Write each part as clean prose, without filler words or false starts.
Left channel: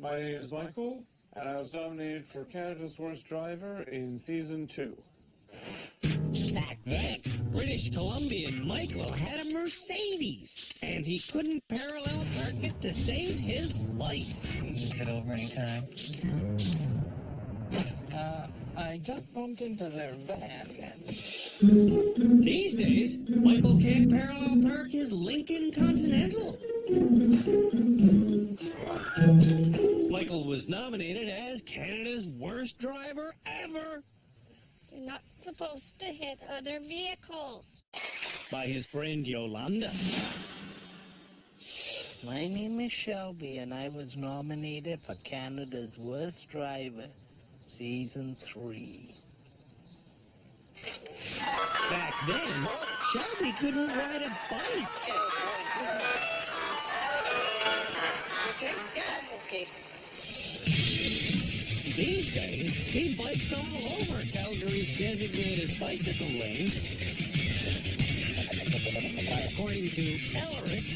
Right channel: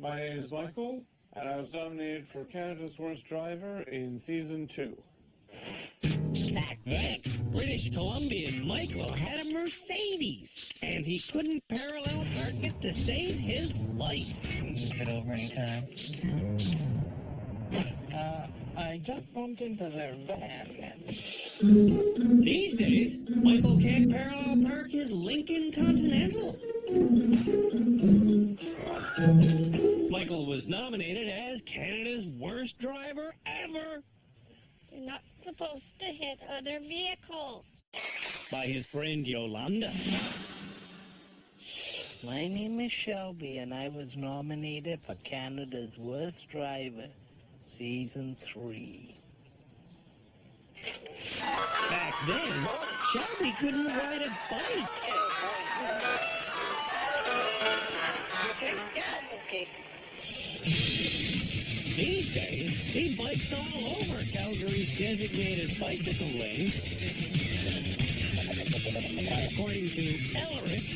My name is Michael, and I was nominated for Canada's Worst Driver in Season 2. Back then, British Columbian Michael had a Mercedes, and he couldn't parallel park it to save his life. Move it over anytime. I just bumped into their van. These days, Michael can't parallel park his Lincoln Continental. Michael was nominated as Canada's worst driver ever You're not supposed to hit other vehicles. by his friend Yolanda. My name is Shelby, and I was nominated for Canada's Worst Driver, Season 3. Back then, Shelby couldn't ride a bike. You okay? Yeah, I'm okay. These days, he bikes all over Calgary's designated bicycle lanes. But according to Elric,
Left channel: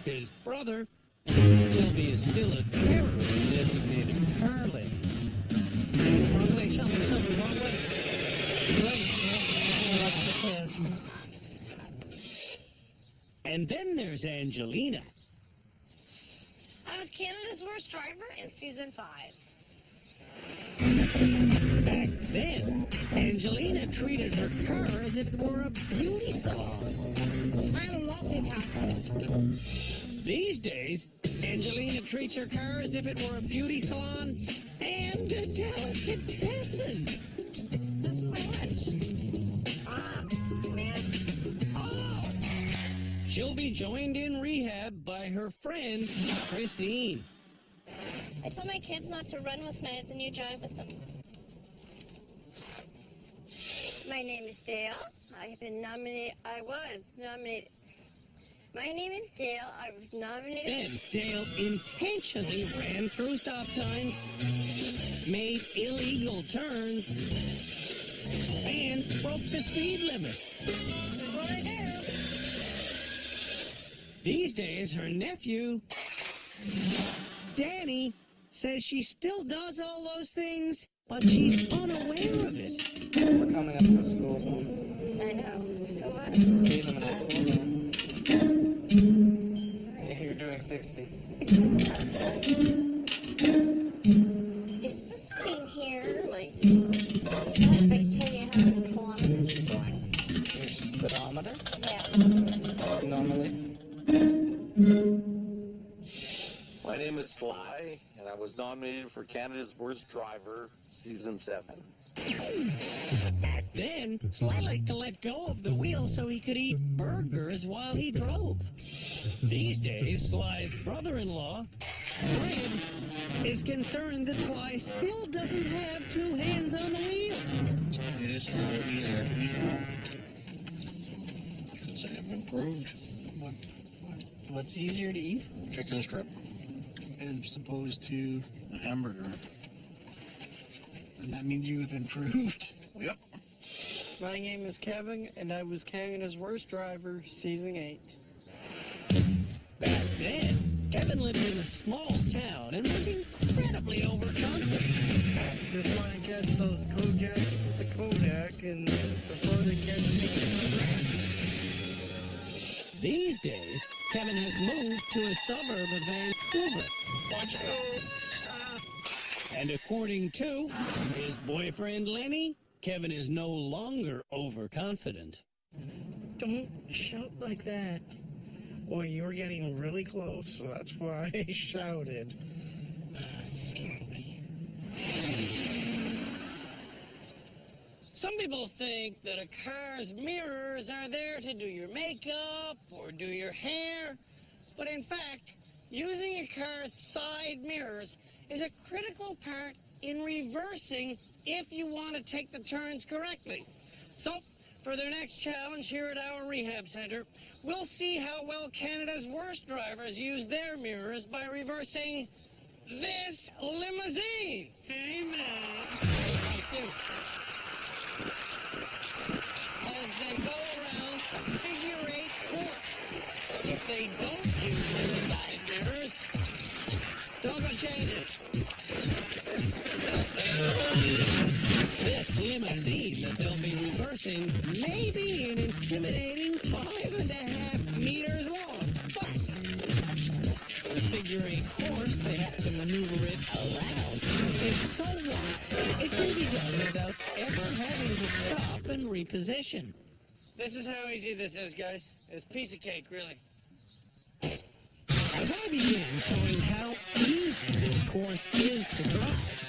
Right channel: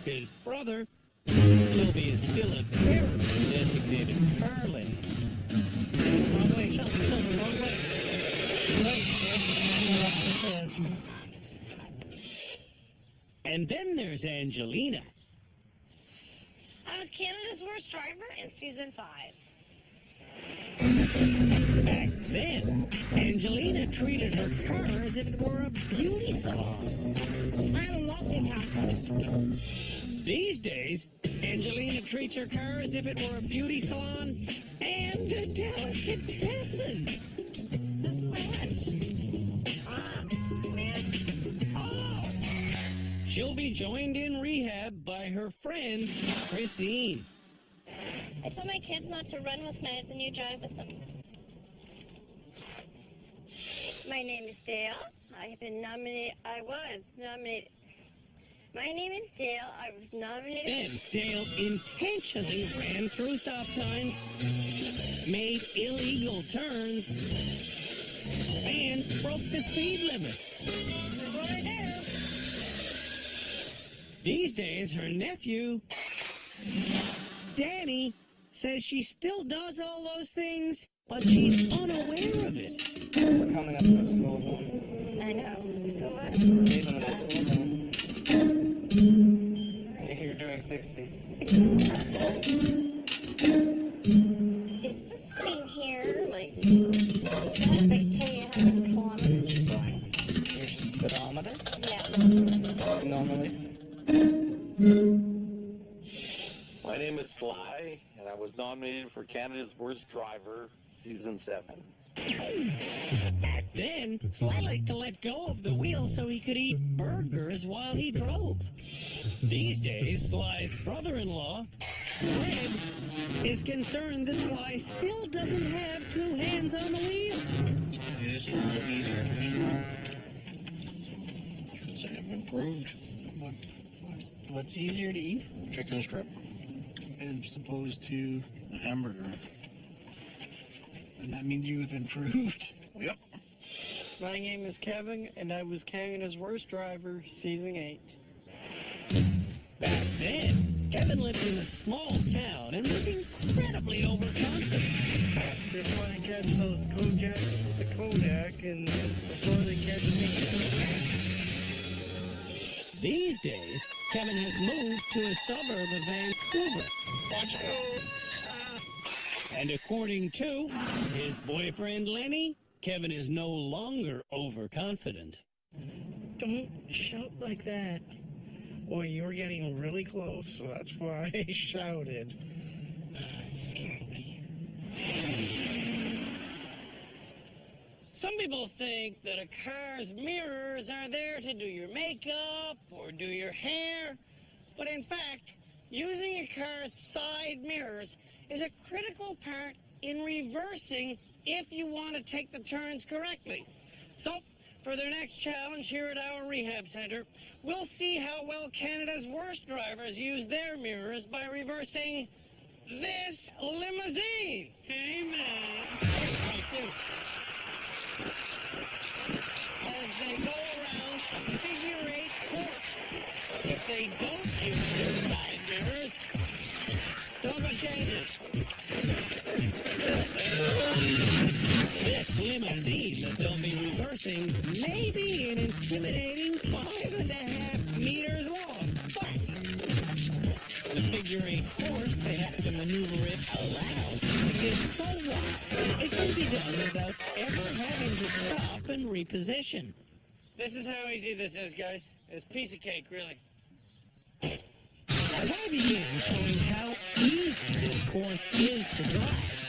his brother, Shelby is still a terror in designated car lanes. Wrong way, Shelby, wrong way. Right. Watch the pedestrian. And then there's Angelina. I was Canada's Worst Driver in Season 5. Back then, Angelina treated her car as if it were a beauty salon. I'm a multitasker. These days, Angelina treats her car as if it were a beauty salon and a delicatessen. This is my lunch. Man. Oh! She'll be joined in rehab by her friend, Christine. I tell my kids not to run with knives and you drive with them. My name is Dale. I was nominated. My name is Dale. I was nominated. Then Dale intentionally ran through stop signs, made illegal turns, and broke the speed limit. This is what I do. These days, her nephew, Danny, says she still does all those things, but she's unaware of it. We're coming up to a school zone. I know. So what? Speed limit in a school zone. You're doing 60. Is this thing here, is that, tell you how many kilometers you're going? Your speedometer? Yeah. Normally. My name is Sly, and I was nominated for Canada's Worst Driver, Season 7. Back then, Sly liked to let go of the wheel so he could eat burgers while he drove. These days, Sly's brother-in-law, Fred, is concerned that Sly still doesn't have two hands on the wheel. It is a little easier to eat. Because I have improved. What's easier to eat? Chicken strip As opposed to, a hamburger. and that means you have improved. Yep. My name is Kevin, and I was Canada's Worst Driver, Season 8. Back then, Kevin lived in a small town and was incredibly overconfident. Just want to catch those Kojaks with the Kodak, and before they catch me. These days, Kevin has moved to a suburb of Vancouver. Watch out. And according to his boyfriend Lenny, Kevin is no longer overconfident. Don't shout like that. Boy, you were getting really close, so that's why I shouted. It scared me. Some people think that a car's mirrors are there to do your makeup or do your hair, but in fact, using a car's side mirrors is a critical part in reversing if you want to take the turns correctly. So, for their next challenge here at our rehab center, we'll see how well Canada's worst drivers use their mirrors by reversing this limousine. Amen. Hey, thank you. As they go around a figure-8 course. If they don't use their side mirrors, Don't go change it. It'll fade. This limousine that they'll be reversing may be an intimidating 5.5 meters long, but the figure-8 course they have to maneuver it around is so wide it can be done without ever having to stop and reposition. This is how easy this is, guys. It's a piece of cake, really. As I begin showing how easy this course is to drive,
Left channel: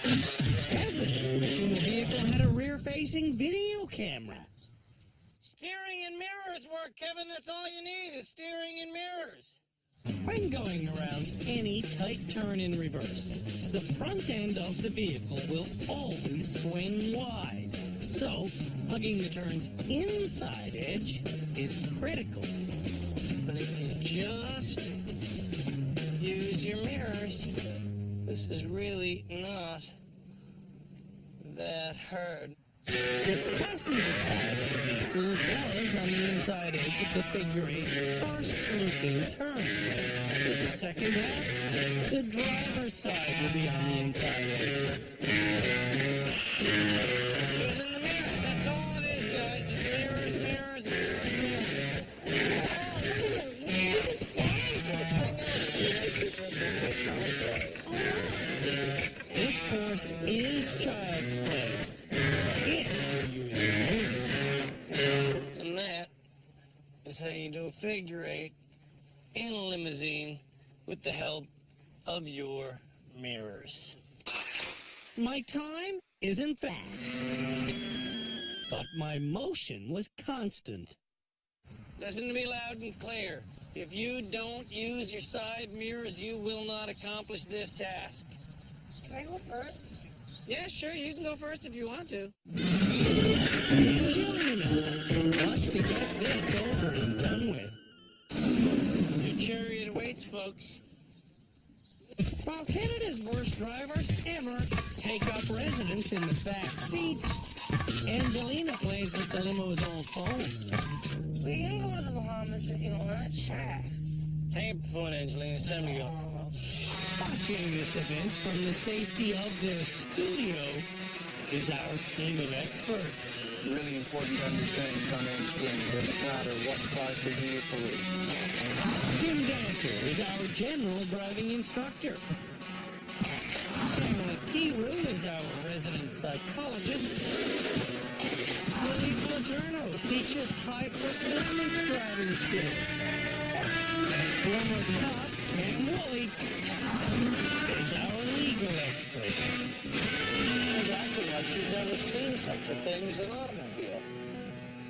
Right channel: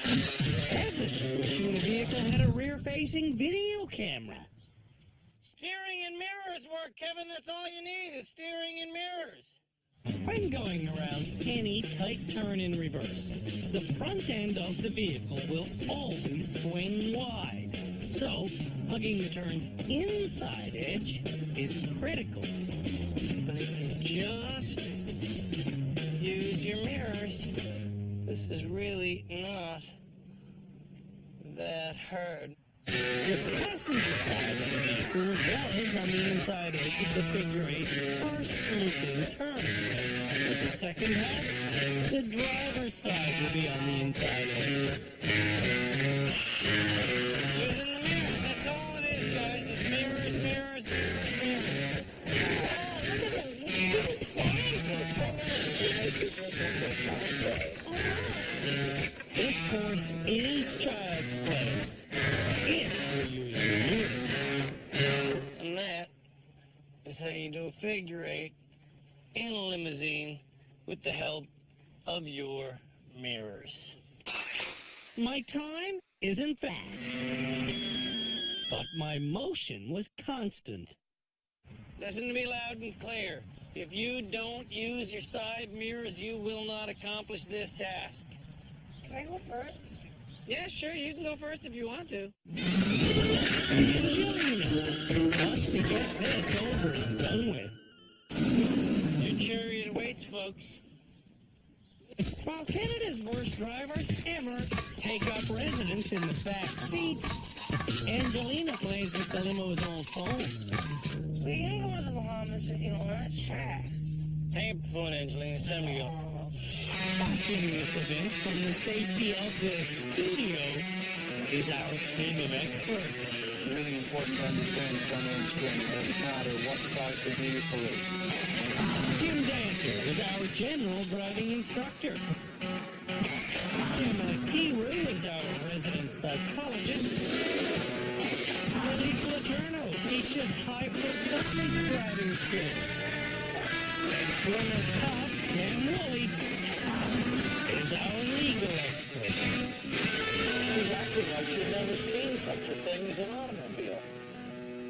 Kevin is wishing the vehicle had a rear-facing video camera. Steering and mirrors work, Kevin. That's all you need is steering and mirrors. When going around any tight turn in reverse, the front end of the vehicle will always swing wide. So, hugging the turn's inside edge is critical. But if you just use your mirrors, this is really not that hard. The passenger side of the vehicle was on the inside edge of the figure-8's first looping turn. For the second half, the driver's side will be on the inside edge. Using the mirrors, that's all it is, guys. It's mirrors, mirrors, mirrors, mirrors. Oh, look at him. He's just flying through the I know. He makes it just look like child's play. Oh, wow. This course is child's play, if you use your mirrors. And that is how you do a figure-8 in a limousine with the help of your mirrors. My time isn't fast, but my motion was constant. Listen to me loud and clear. If you don't use your side mirrors, you will not accomplish this task. Can I go first? Yeah, sure, you can go first if you want to. Angelina wants to get this over and done with. Your chariot awaits, folks. While Canada's worst drivers ever take up residence in the back seat, Angelina plays with the limo's old phone. We can go to the Bahamas if you want. Sure. Hang up the phone, Angelina. It's time to go. Watching this event from the safety of their studio is our team of experts. Really important to understand front end swing. Doesn't matter what size the vehicle is. Tim Danter is our general driving instructor. Shamala Kiru is our resident psychologist. Billy Platerno teaches high-performance driving skills. And former cop Pam Woolley is our legal expert. She's acting like she's never seen such a thing as an automobile.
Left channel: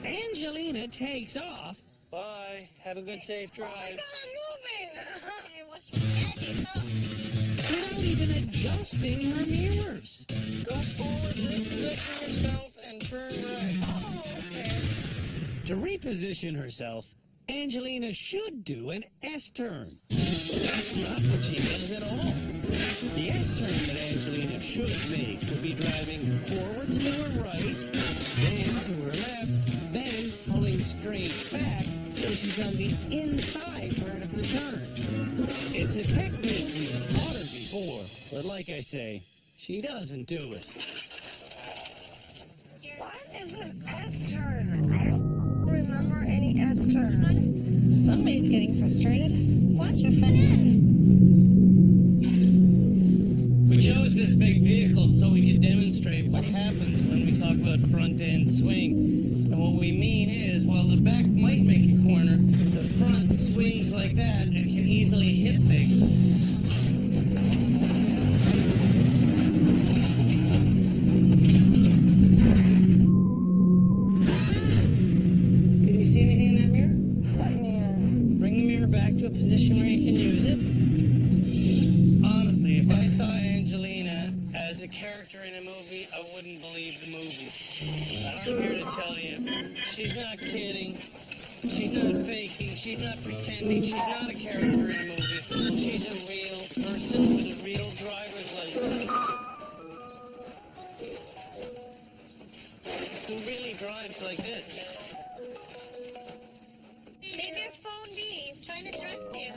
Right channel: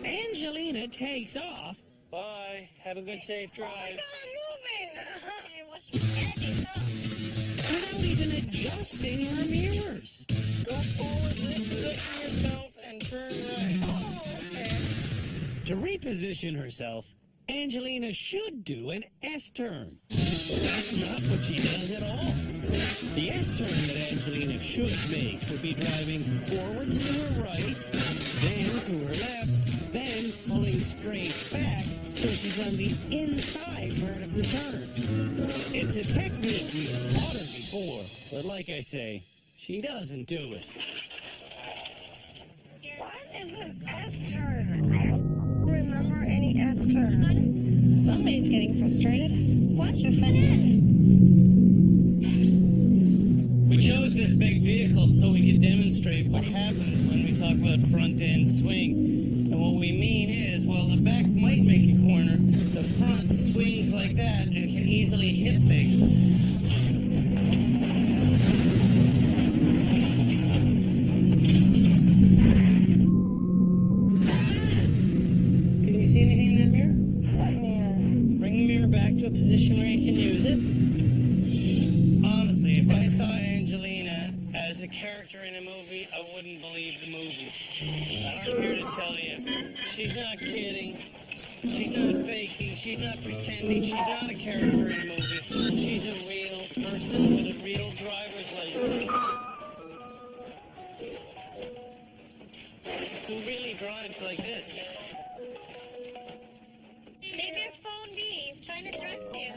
Angelina takes off. Bye. Have a good, safe drive. Oh, my God, I'm moving. Hey, watch me. Angie, stop. Without even adjusting her mirrors. Go forward, reposition yourself, and turn right. Oh, okay. To reposition herself, Angelina should do an S-turn. But that's not what she does at all. The S-turn that Angelina should make would be driving forwards to her right, then to her left, then pulling straight back so she's on the inside part of the turn. It's a technique we've taught her before, but like I say, she doesn't do it. What is this S-turn? I don't remember any S-turn. Somebody's getting frustrated. Watch your front end. We chose this big vehicle so we could demonstrate what happens when we talk about front-end swing. And what we mean is, while the back might make a corner, the front swings like that and can easily hit things. Can you see anything in that mirror? What mirror? Bring the mirror back to a position where you can use it. Honestly, if I saw Angelina as a character in a movie, I wouldn't believe the movie. And I'm here to tell you, she's not kidding, she's not faking, she's not pretending, she's not a character in a movie. She's a real person with a real driver's license. Who really drives like this? Leave your phone be. He's trying to direct you.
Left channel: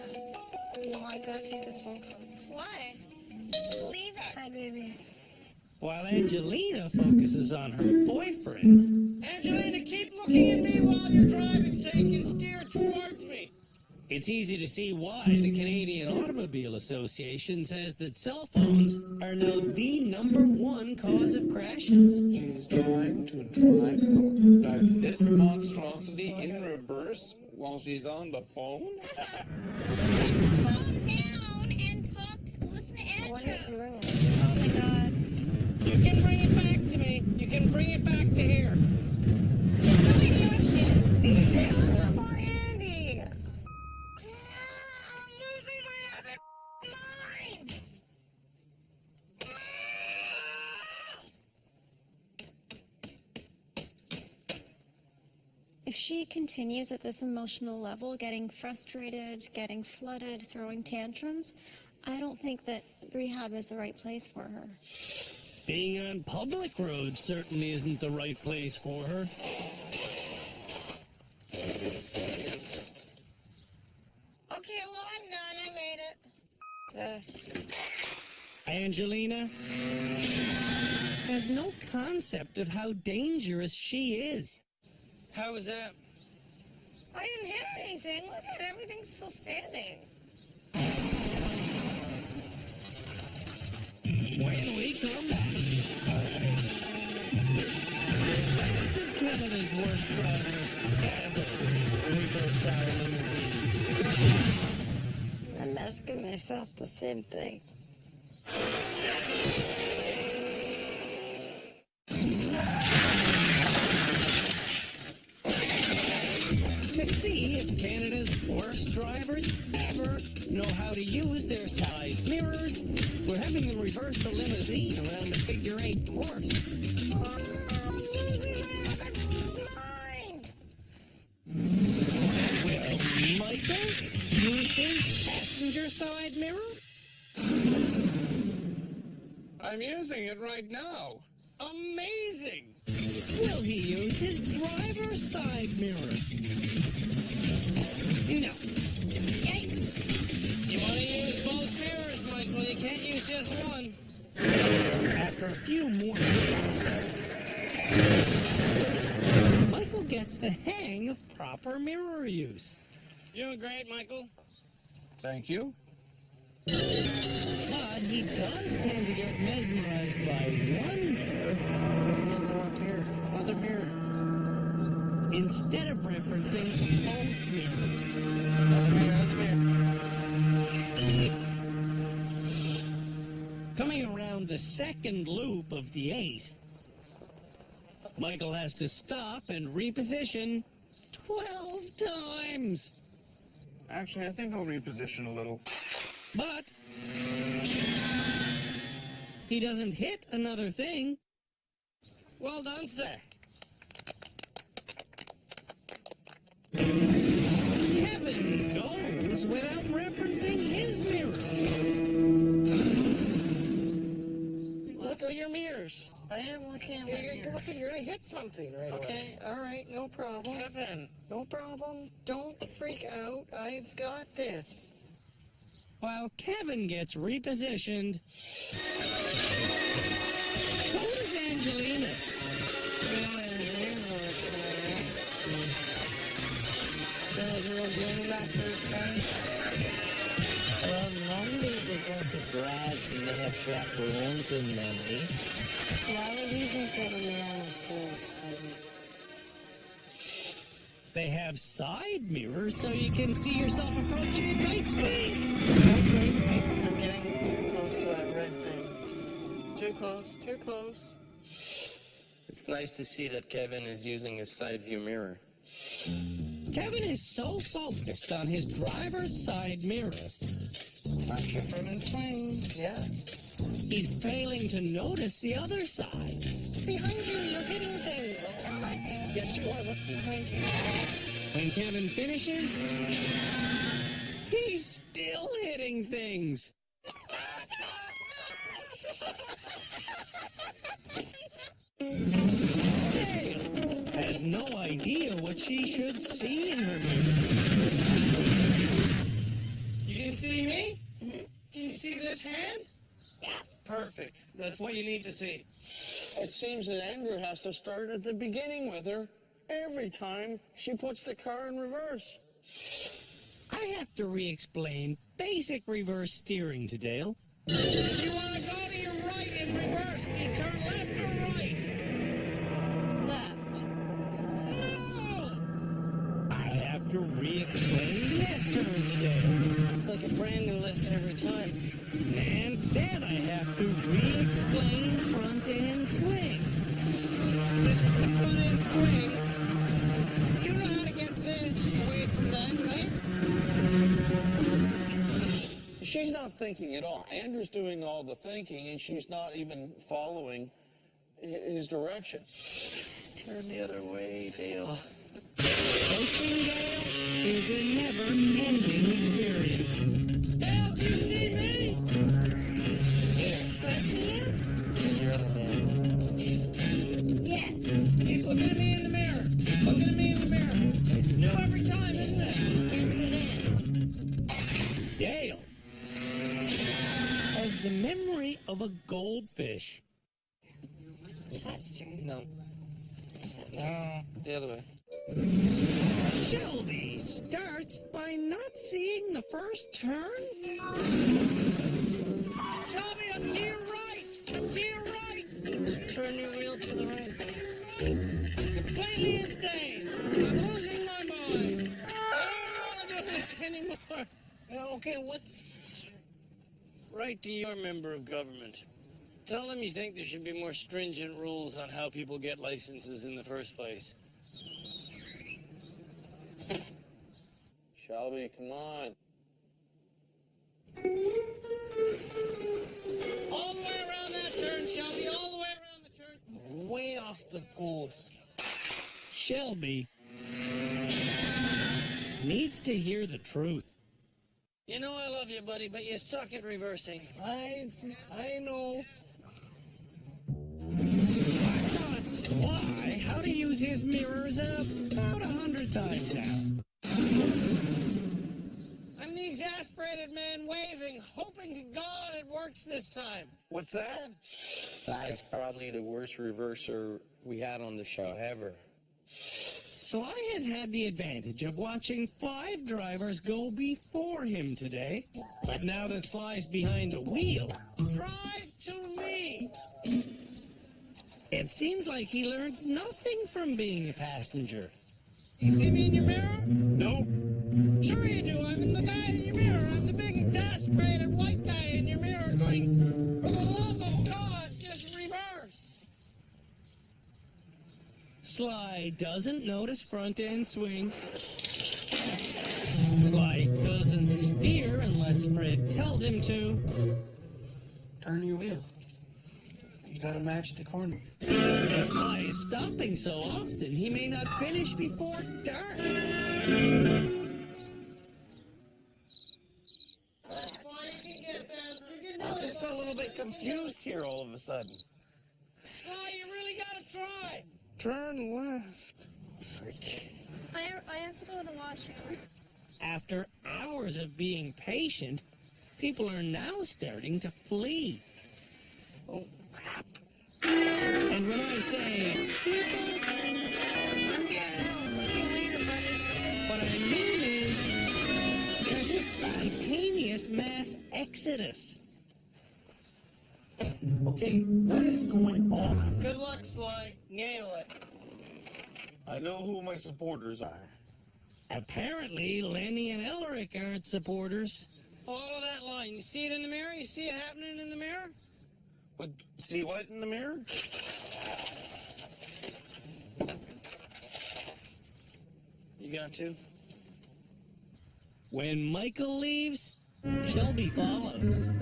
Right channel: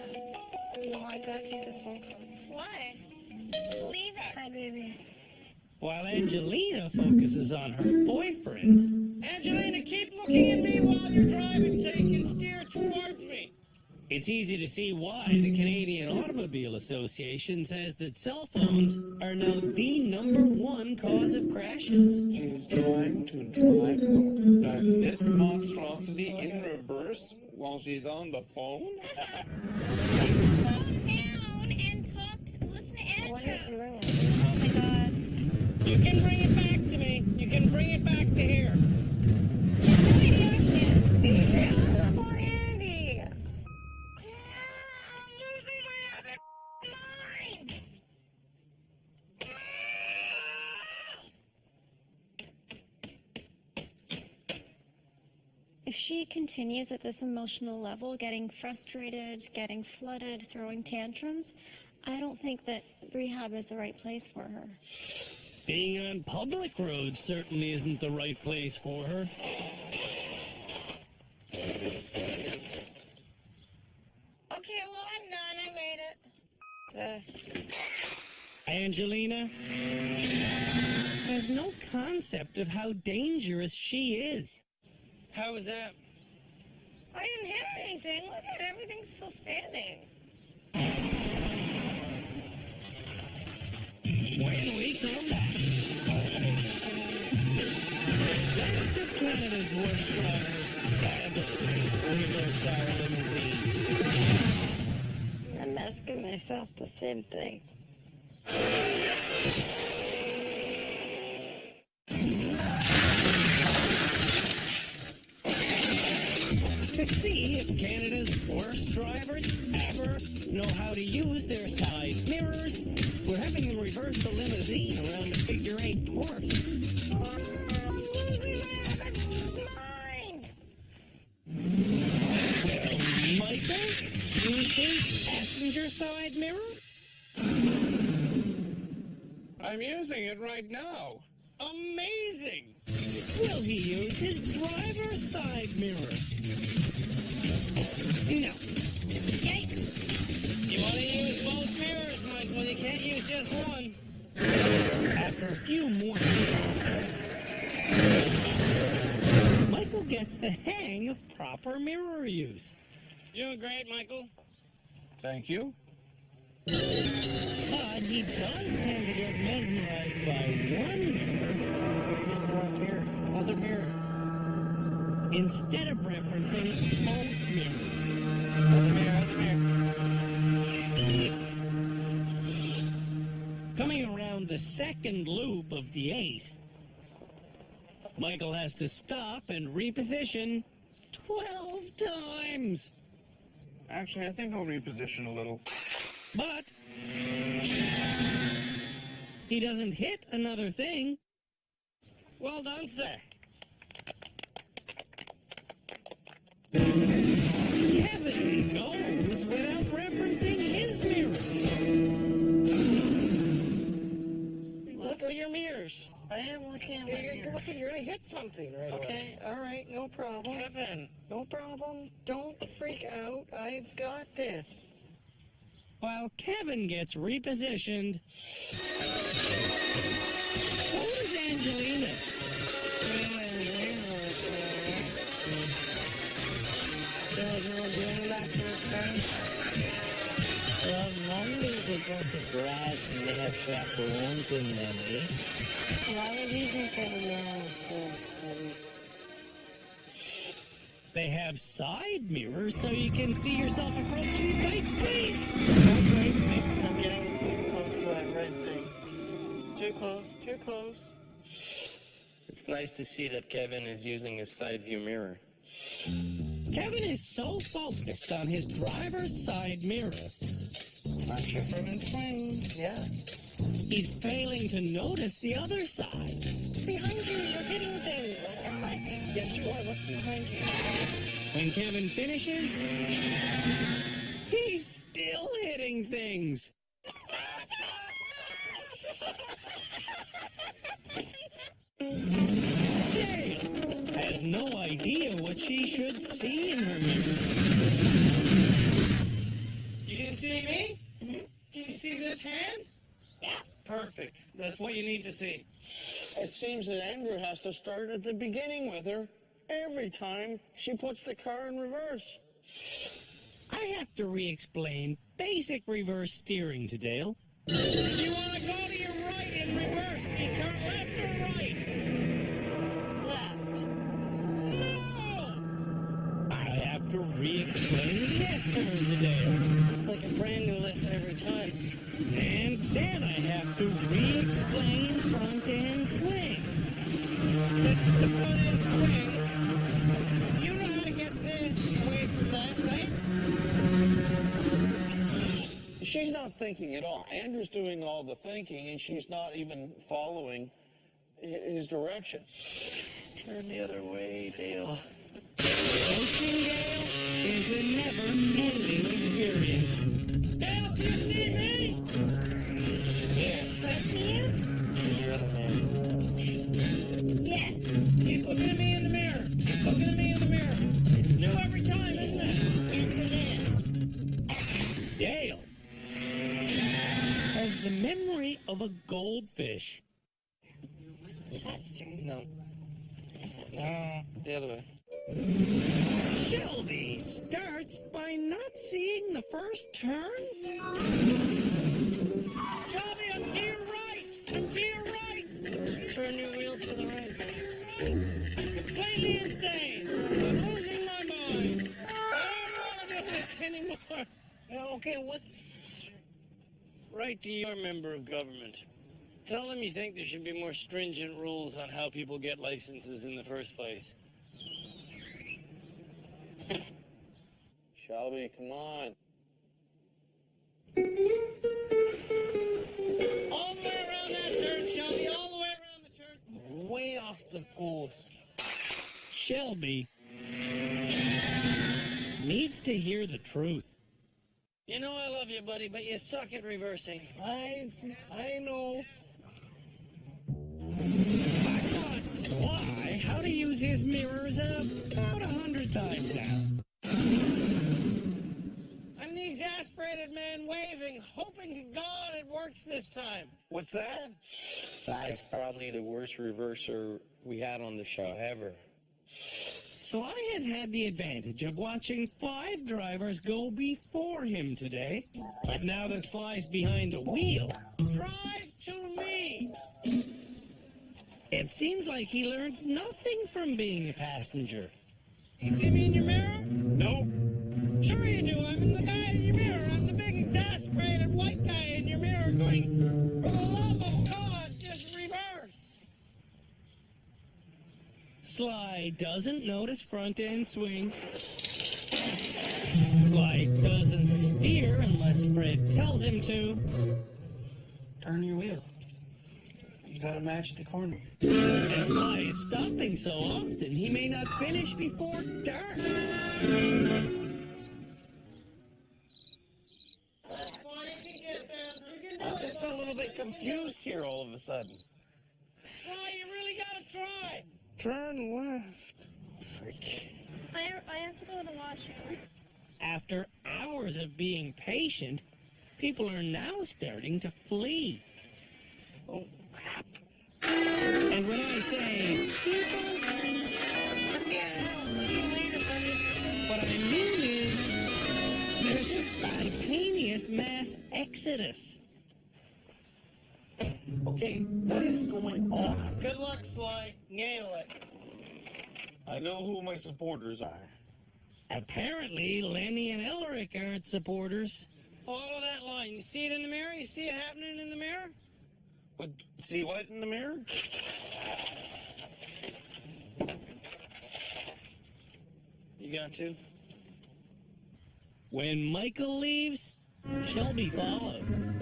No, I gotta take this phone call. Why? side, baby. While Angelina focuses on her boyfriend. Angelina, keep looking at me while you're driving so you can steer towards me. It's easy to see why the Canadian Automobile Association says that cell phones are now the #1 cause of crashes. She's trying to drive like this monstrosity in reverse while she's on the phone? Put the phone down and listen to Andrew. Oh my God. You can bring it back to me. You can bring it back to here. She has no idea where she is. She hung up on Andy. I'm losing my other mind. If she continues at this emotional level, getting frustrated, getting flooded, throwing tantrums, I don't think that rehab is the right place for her. Being on public roads certainly isn't the right place for her. Okay, well, I'm done. I made it. This. Angelina has no concept of how dangerous she is. How was that? I didn't hit anything. Look at it. Everything's still standing. When we come back, the rest of Canada's worst drivers ever reverse our limousine. I'm asking myself the same thing. To see if Canada's worst drivers ever know how to use their side mirrors, we're having them reverse a limousine around a figure-8 course. I'm losing my other mind. Will Michael use his passenger side mirror? I'm using it right now. Amazing. Will he use his driver's side mirror? No. Yikes. You want to use both mirrors, Michael. You can't use just one. After a few more mishaps, Michael gets the hang of proper mirror use. You're doing great, Michael. Thank you. But he does tend to get mesmerized by one mirror. You're using the wrong mirror. Other mirror. Instead of referencing both mirrors. Other mirror, other mirror. Coming around the second loop of the 8, Michael has to stop and reposition 12 times. Actually, I think I'll reposition a little. But he doesn't hit another thing. Well done, sir. Kevin goes without referencing his mirrors. Look at your mirrors. I am looking at my mirrors. Look, you're going to hit something right Okay, away. All right, no problem. Kevin. No problem. Don't freak out. I've got this. While Kevin gets repositioned, so does Angelina. You know what there's a little thing on there. You know what people do in the back of these cars? Well, normally they go to grads and they have chaperones and then, eh? Why would you think they have a mirror on the ceiling, Shelby? They have side mirrors so you can see yourself approaching a tight squeeze. Oh, wait. I'm getting too close to that red thing. Too close, too close. It's nice to see that Kevin is using his side view mirror. Kevin is so focused on his driver's side mirror, Watch your front and swing. Yeah. he's failing to notice the other side. Behind you, you're hitting things. What? Yes, you are. Look behind you. When Kevin finishes, he's still hitting things. Dale has no idea what she should see in her mirrors. You can see me? Mm-hmm. Can you see this hand? Perfect. That's what you need to see. It seems that Andrew has to start at the beginning with her every time she puts the car in reverse. I have to re-explain basic reverse steering to Dale. If you want to go to your right in reverse, do you turn left or right? Left. No! I have to re-explain the S-turn to Dale. It's like a brand new lesson every time. And then I have to re-explain front-end swing. This is the front end swing. You know how to get this away from that, right? She's not thinking at all. Andrew's doing all the thinking, and she's not even following his direction. Turn the other way, Dale. Coaching Dale is a never-ending experience. Dale, do you see me? Use your mirror. Do I see you? Use your other mirror. Yes. Keep looking at me in the mirror. Keep looking at me in the mirror. It's new every time, isn't it? Yes, it is. Dale has the memory of a goldfish. That's true. No. That's true. No, the other way. Shelby starts by not seeing the first turn. Shelby, I'm to your right. I'm to your right. Turn your wheel to the right. Completely insane. I'm losing my mind. I don't want to do this anymore. Okay, what's right to your member of government? Tell them you think there should be more stringent rules on how people get licenses in the first place. Shelby, come on. All the way around that turn, Shelby. All the way around the turn. Way off the course. Shelby needs to hear the truth. You know I love you, buddy, but you suck at reversing. I know. I taught Sly how to use his mirrors about 100 times now. I'm the exasperated man waving, hoping to God it works this time. What's that? Sly's probably the worst reverser we had on the show ever. Sly has had the advantage of watching 5 drivers go before him today. But now that Sly's behind the wheel, Drive to me. it seems like he learned nothing from being a passenger. You see me in your mirror? Nope. Sure you do. I'm the guy in your mirror. I'm the big exasperated white guy in your mirror going, for the love of God, just reverse. Sly doesn't notice front-end swing. Sly doesn't steer unless Fred tells him to. Turn your wheel. You gotta match the corner. And Sly is stopping so often he may not finish before dark. That's why you can get this. You can do I'm it. just a little bit confused here all of a sudden. Why you really gotta try. Turn left. Freak. I have to go to the washroom. After hours of being patient, people are now starting to flee. Oh, crap. And when I say people, I'm getting out. See you later, buddy. what I mean is there's a spontaneous mass exodus. Okay, what is going on? Good luck, Sly. Nail it. I know who my supporters are. Apparently, Lenny and Elric aren't supporters. Follow that line. You see it in the mirror? You see it happening in the mirror? But see what in the mirror? You got to. When Michael leaves, Shelby follows.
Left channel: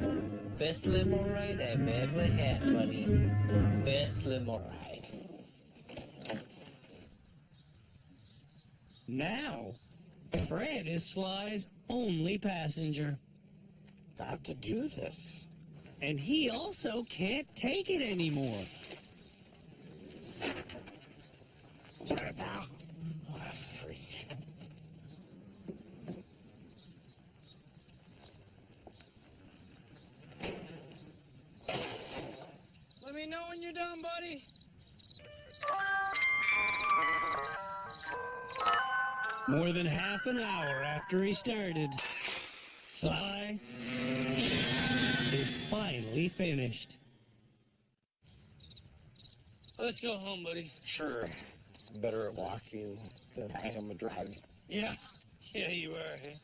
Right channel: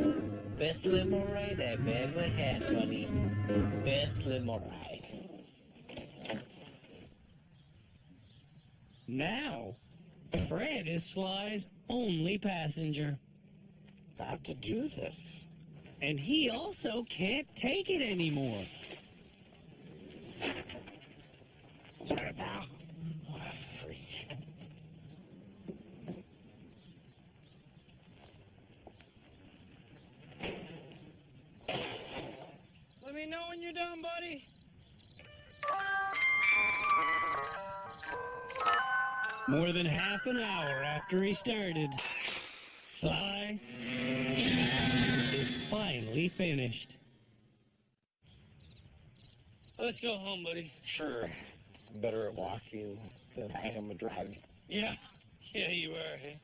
Best limo ride I've ever had, buddy. Best limo ride. Now, Fred is Sly's only passenger. Got to do this. And he also can't take it anymore. Sorry, pal. Oh, freak. know when you're done, buddy? More than half an hour after he started, Sly is finally finished. Let's go home, buddy. Sure. I'm better at walking than I am at driving. Yeah. Yeah, you are, hey?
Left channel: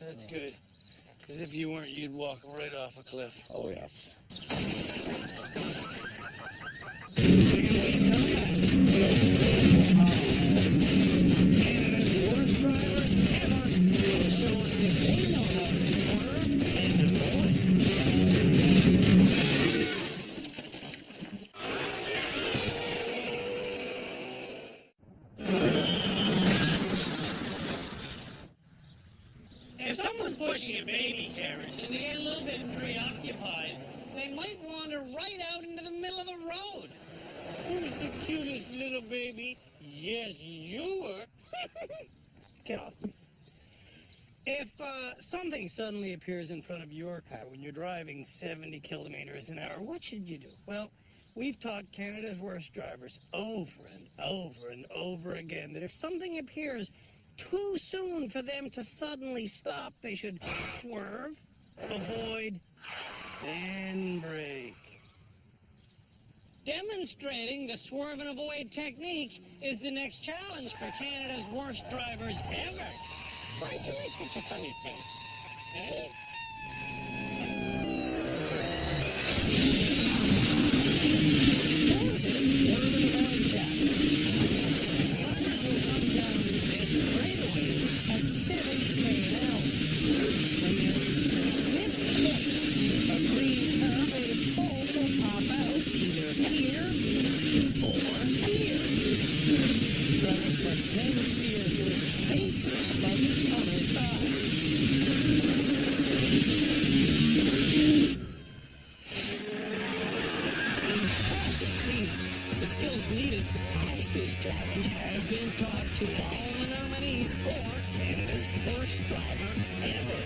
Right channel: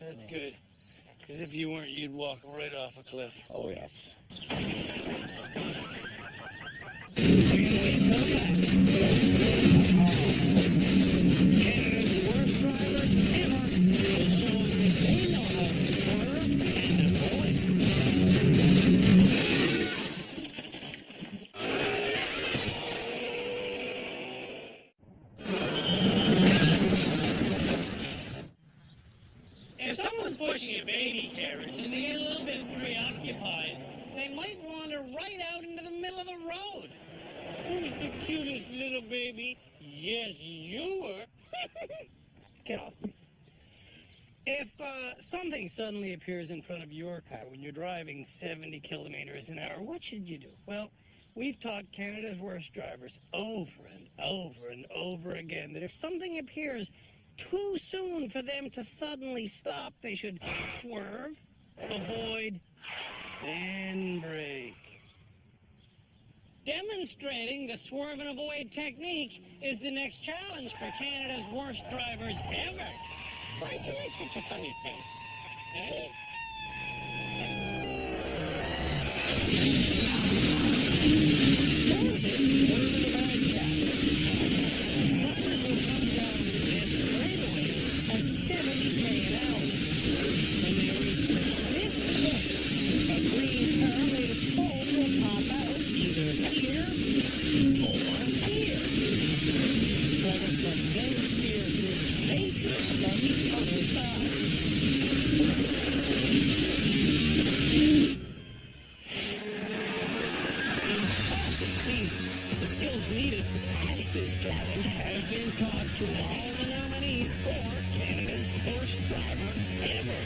That's good. Because if you weren't, you'd walk right off a cliff. Oh, yes. When we come back, Canada's worst drivers ever will show us if they know how to swerve and avoid. If someone's pushing a baby carriage and they get a little bit preoccupied, they might wander right out into the middle of the road. Who's the cutest little baby? Yes, you are. Get off me. If something suddenly appears in front of your car when you're driving 70 kilometers an hour, what should you do? Well, we've taught Canada's worst drivers over and over and over again that if something appears too soon for them to suddenly stop, they should swerve, avoid, then brake. Demonstrating the swerve and avoid technique is the next challenge for Canada's worst drivers ever. Why do you make such a funny face? Eh? For this swerve and avoid challenge, drivers will come down this straightaway at 70 an hour. When they reach this point, a green car made of foam will pop out either here or here. Drivers must then steer through the safe gap on the other side. In past seasons, the skills needed to pass this challenge have been taught to all the nominees for Canada's worst driver ever.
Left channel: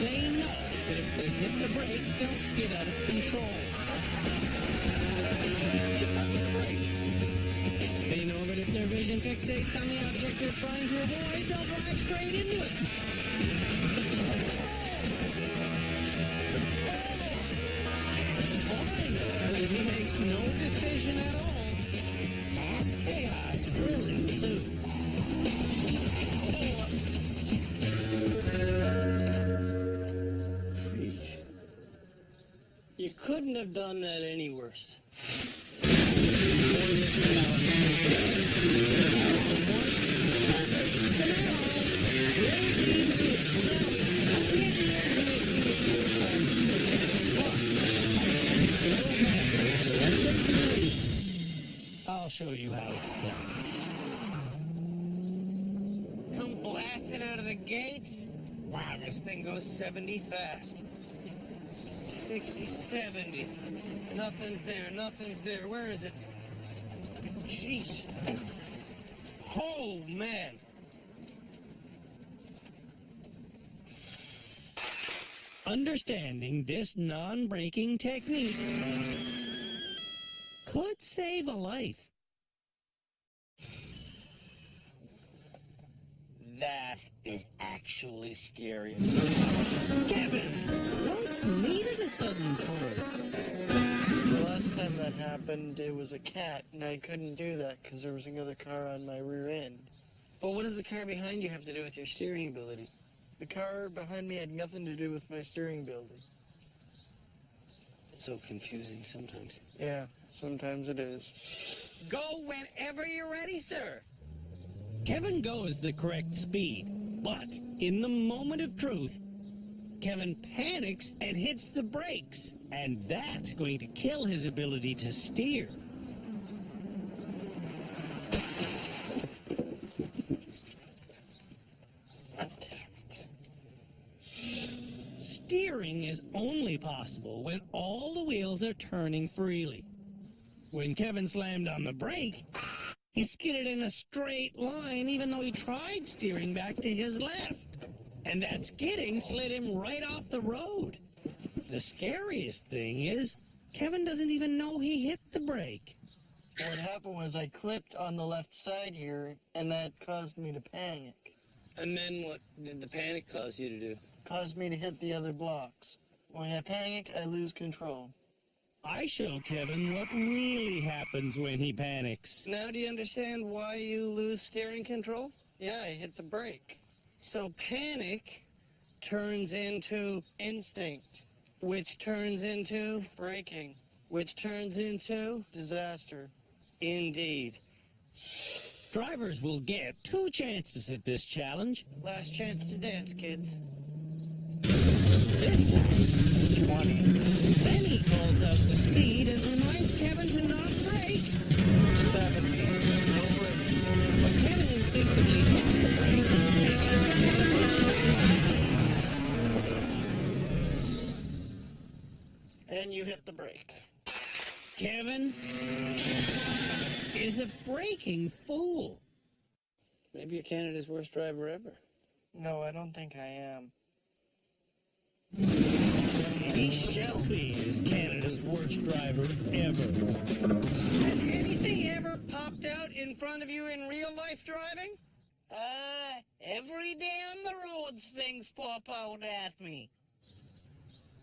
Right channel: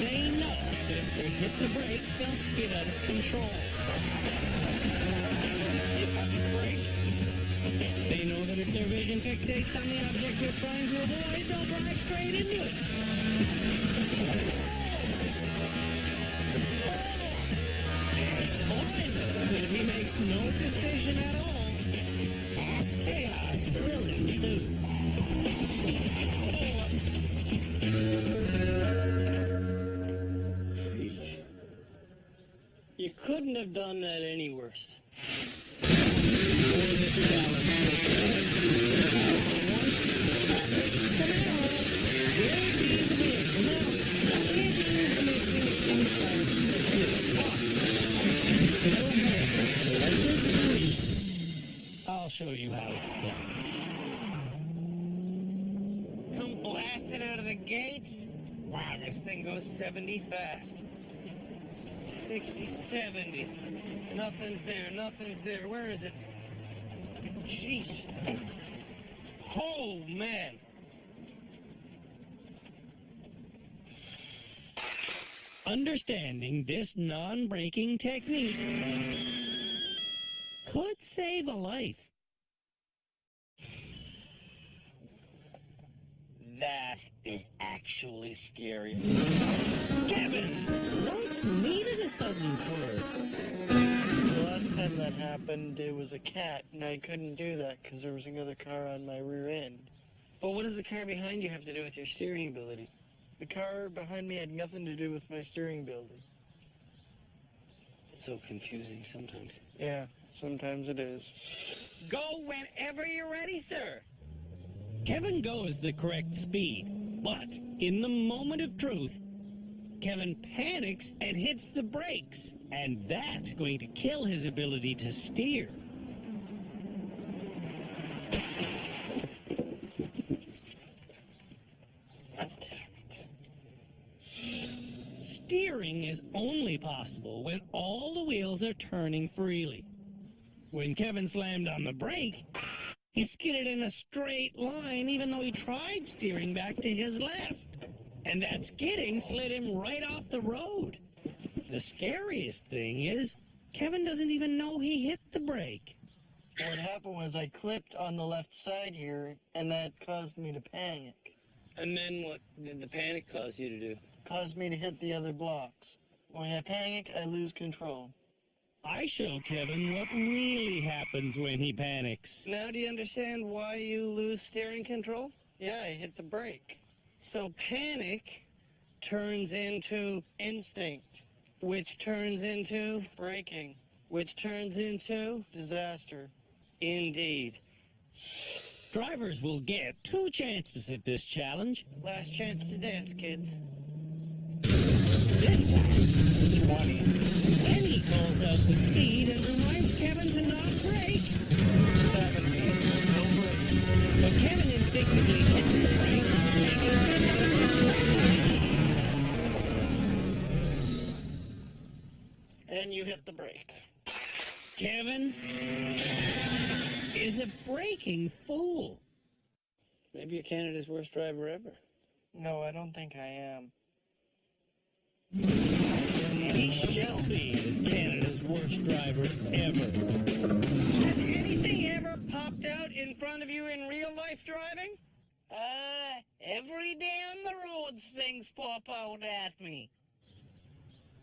They know that if they hit the brake, they'll skid out of control. You touch the brake. They know that if their vision fixates on the object they're trying to avoid, they'll drive straight into it. And Sly knows that if he makes no decision at all, mass chaos will ensue. Freak. You couldn't have done that any worse. For this challenge today, our once perfect Camaro will be the vehicle. Now, it is missing a few parts for sure, but it still handles like a dream. I'll show you how it's done. Come blasting out of the gates. Wow, this thing goes 70 fast. 60, 70. Nothing's there, nothing's there. Where is it? Jeez. Oh, man. Understanding this non-braking technique could save a life. That is actually scary. Kevin once needed a sudden swerve. The last time that happened, it was a cat, and I couldn't do that because there was another car on my rear end. But what does the car behind you have to do with your steering ability? The car behind me had nothing to do with my steering ability. It's so confusing sometimes. Yeah, sometimes it is. Go whenever you're ready, sir. Kevin goes the correct speed, but in the moment of truth, Kevin panics and hits the brakes, and that's going to kill his ability to steer. Steering is only possible when all the wheels are turning freely. When Kevin slammed on the brake, he skidded in a straight line even though he tried steering back to his left. And that skidding slid him right off the road. The scariest thing is, Kevin doesn't even know he hit the brake. What happened was I clipped on the left side here, and that caused me to panic. And then what did the panic cause you to do? Caused me to hit the other blocks. When I panic, I lose control. I show Kevin what really happens when he panics. Now do you understand why you lose steering control? Yeah, I hit the brake. So panic turns into Instinct. which turns into Braking. which turns into Disaster. indeed. Drivers will get 2 chances at this challenge. Last chance to dance, kids. This time, 20. Lenny calls out the speed and reminds Kevin to not brake. 70. No brake. But Kevin instinctively hits the brake and he skids out of control again. And you hit the brake. Kevin is a braking fool. Maybe you're Canada's worst driver ever. No, I don't think I am. Maybe Shelby is Canada's worst driver ever. Has anything ever popped out in front of you in real life driving? Every day on the roads things pop out at me.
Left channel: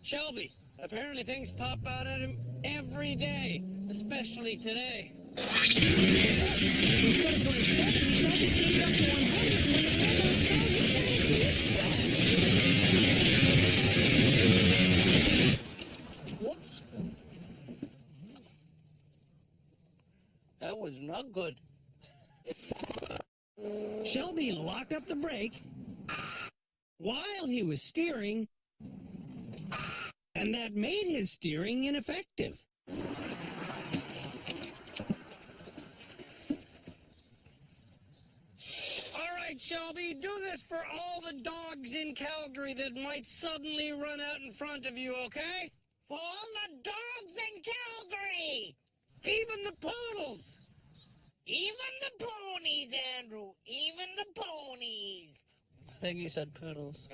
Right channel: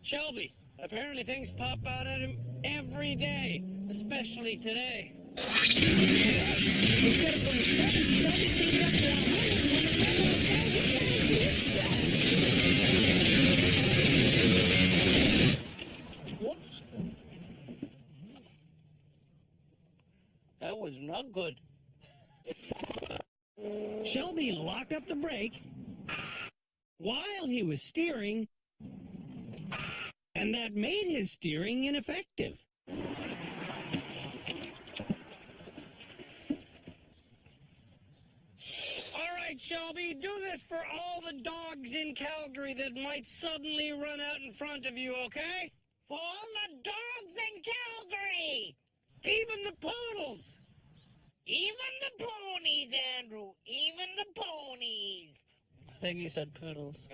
Shelby, apparently things pop out at him every day, especially today. Today, instead of going 70, Shelby speeds up to 100, and when the car pops out, he panics and hits the brake. Whoops. That was not good. Shelby locked up the brake while he was steering, and that made his steering ineffective. All right, Shelby, do this for all the dogs in Calgary that might suddenly run out in front of you, okay? For all the dogs in Calgary! Even the poodles! Even the ponies, Andrew! Even the ponies! I think he said poodles.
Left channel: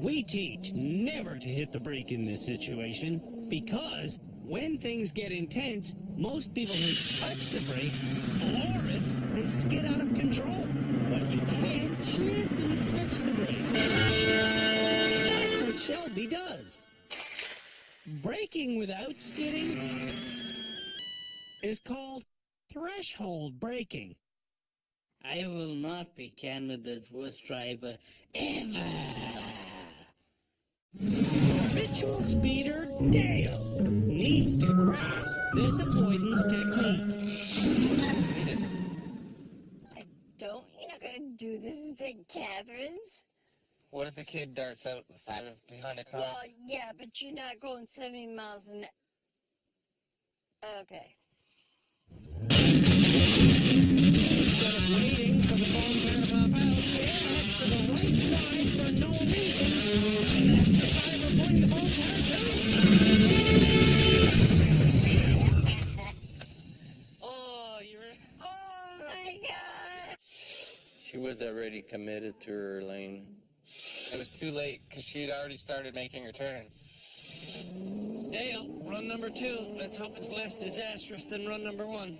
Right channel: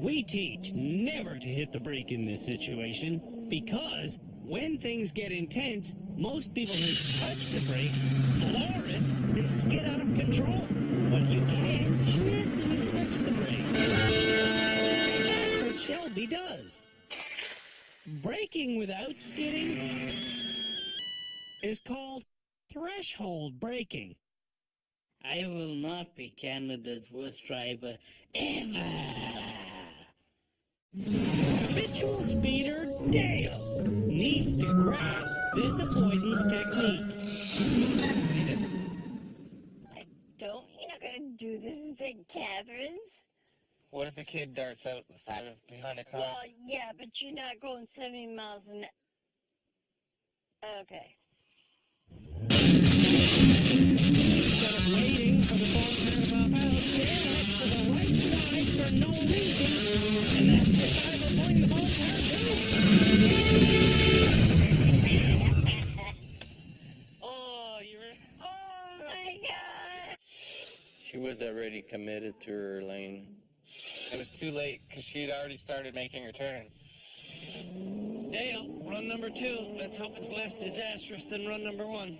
We teach never to hit the brake in this situation because when things get intense, most people who touch the brake floor it and skid out of control. But you can gently touch the brake. And that's what Shelby does. Braking without skidding is called threshold braking. I will not be Canada's worst driver ever. Habitual speeder Dale needs to grasp this avoidance technique. You're not gonna do this in St. Catharines? What if a kid darts out the side of behind a car? Well, yeah, but you're not going 70 miles an hour. Okay. Instead of waiting for the foam car to pop out, Dale heads to the right side for no reason, and that's the side we're pulling the foam car to. Oh, you're... Oh my God! She was already committed to her lane. It was too late because she'd already started making her turn. Dale, run number 2. Let's hope it's less disastrous than run number 1.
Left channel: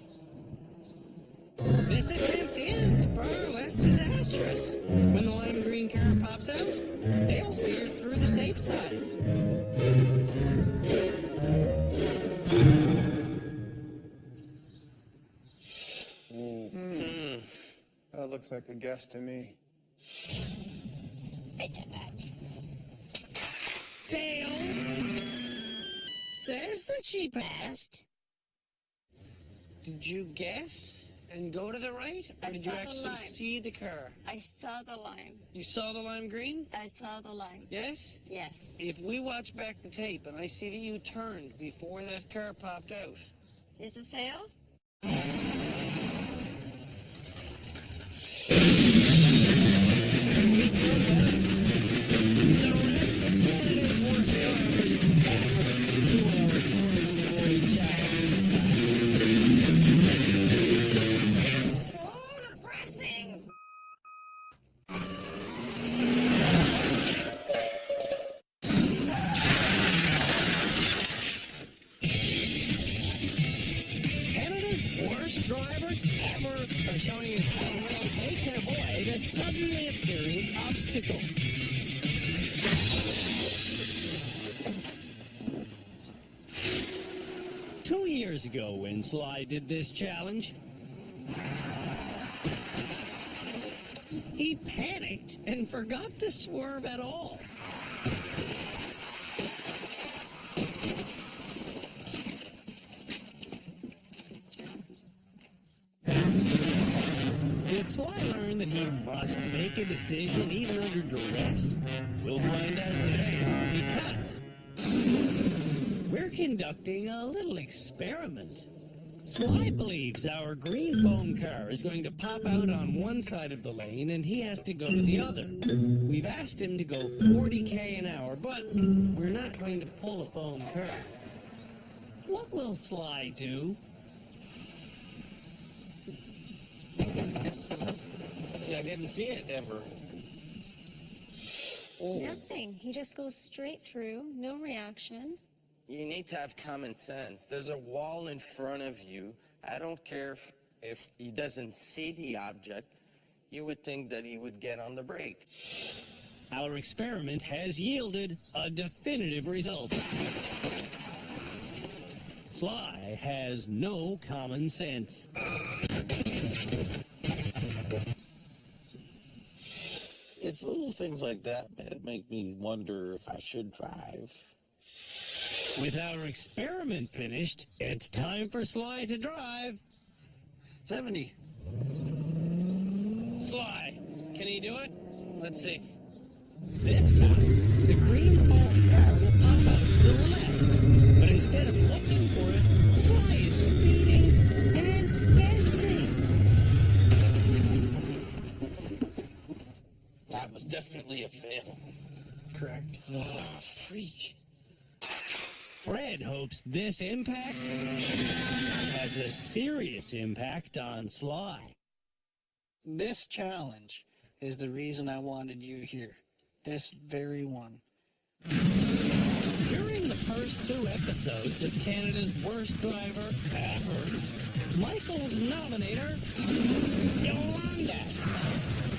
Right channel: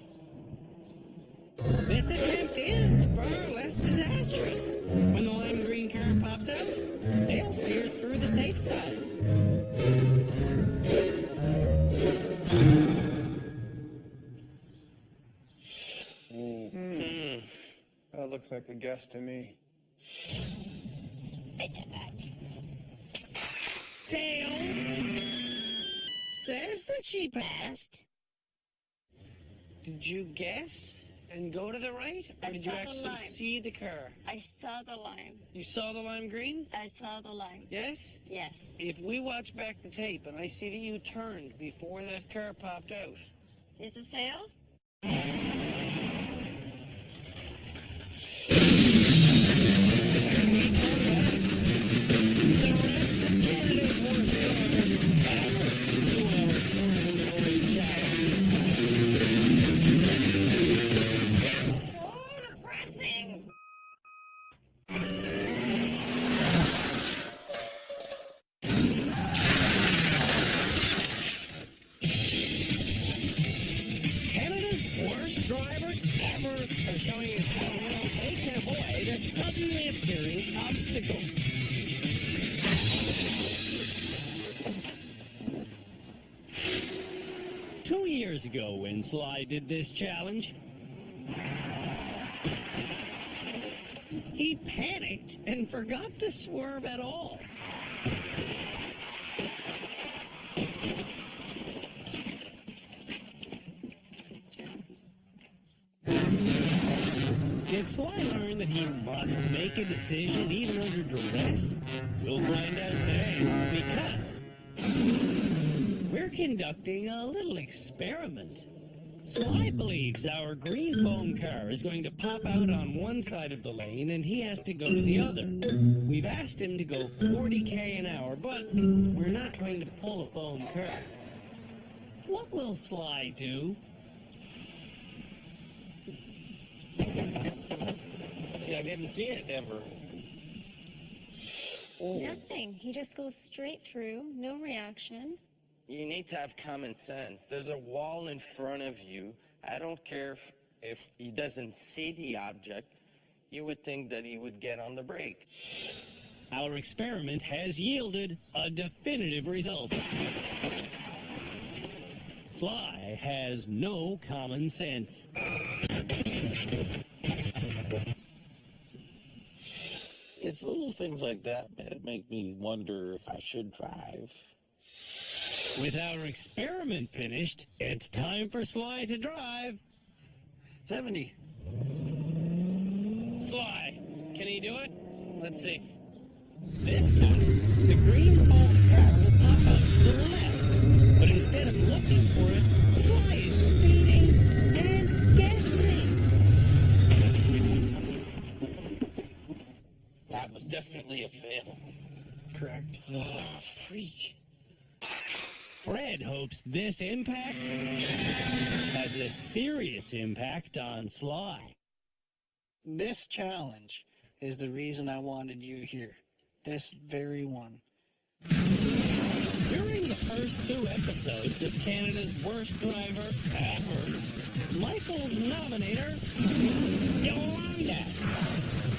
This attempt is far less disastrous. When the lime green car pops out, Dale steers through the safe side. That looks like a guess to me. Dale says that she passed. Did you guess and go to the right? Or I did you saw the actually line. see the car? I saw the line. You saw the lime green? I saw the line. Yes? Yes. If we watch back the tape and I see that you turned before that car popped out, Is it fail? When we come back, the rest of Canada's worst drivers ever do our Swerve and Avoid challenge. This is so depressing. drivers ever are showing us how well they can avoid a suddenly appearing obstacle. Two years ago, when Sly did this challenge, he panicked and forgot to swerve at all. Did Sly learn that he must make a decision even under duress? We'll find out today, because we're conducting a little experiment. Sly believes our green foam car is going to pop out on one side of the lane and he has to go to the other. We've asked him to go 40 an hour, but we're not going to pull a foam car. What will Sly do? See, I didn't see it ever. Oh. Nothing. He just goes straight through, no reaction. You need to have common sense. There's a wall in front of you. I don't care if he doesn't see the object. You would think that he would get on the brake. Our experiment has yielded a definitive result. Sly has no common sense. It's little things like that that make me wonder if I should drive. With our experiment finished, it's time for Sly to drive. 70. Sly, can he do it? Let's see. This time, the green foam car will pop out to the left. But instead of looking for it, Sly is speeding and guessing. That was definitely a fail. Correct. Oh, freak. Fred hopes this impact has a serious impact on Sly. This challenge is the reason I wanted you here. This very one. During the first 2 episodes of Canada's Worst Driver Ever, Michael's nominator, Yolanda,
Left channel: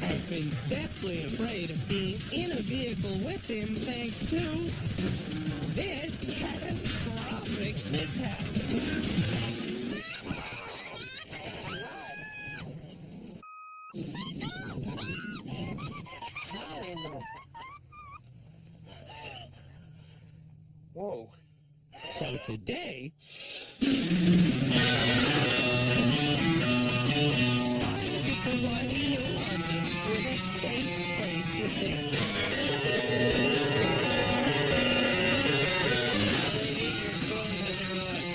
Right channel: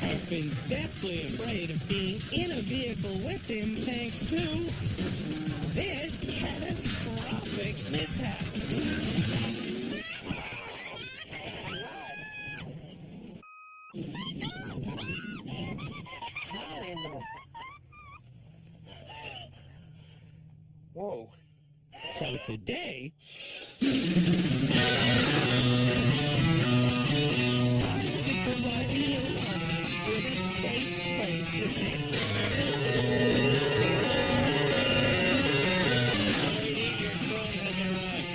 has been deathly afraid of being in a vehicle with him thanks to this catastrophic mishap. Whoa. So today, I will be providing Yolanda with a safe place to sit. Lady, your drone has arrived.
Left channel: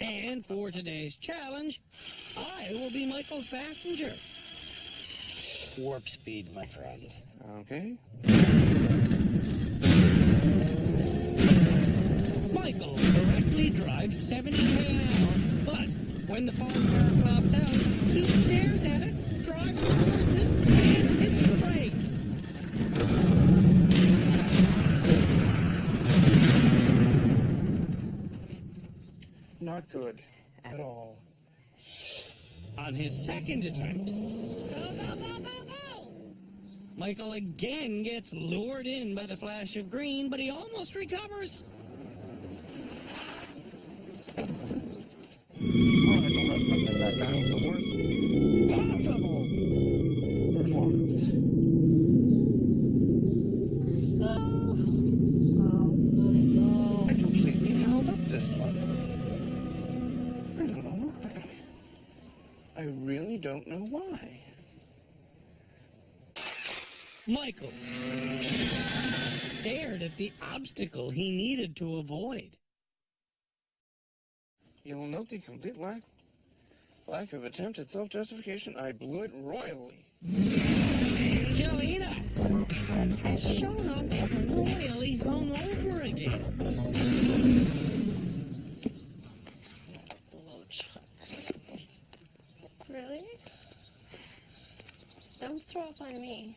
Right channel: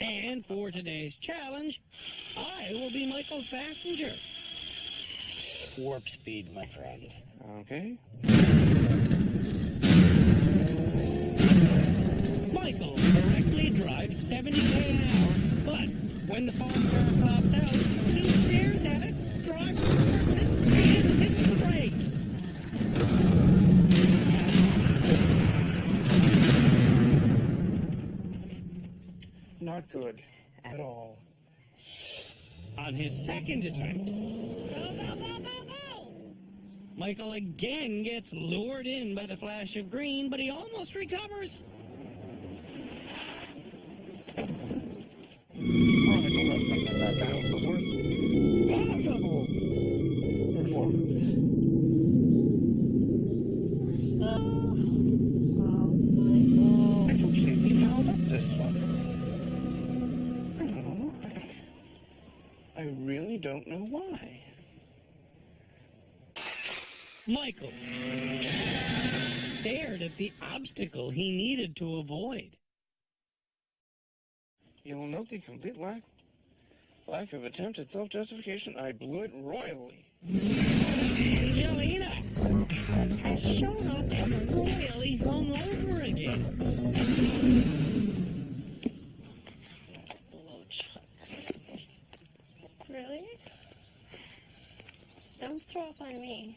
And for today's challenge, I will be Michael's passenger. Warp speed, my friend. Okay. Michael correctly drives 70 an hour, but when the foam car pops out, he stares at it, drives towards it, and hits the brake. Not good at all. On his second attempt, Go, go, go, go, go! Michael again gets lured in by the flash of green, but he almost recovers. That was the worst possible performance. Michael. I completely fouled up this one. I don't know. I really don't know why. Michael stared at the obstacle he needed to avoid. You'll note the complete lack of attempt at self-justification. I blew it royally. Angelina has shown up royally hungover again. Blowjobs. Really? Don't throw up on me.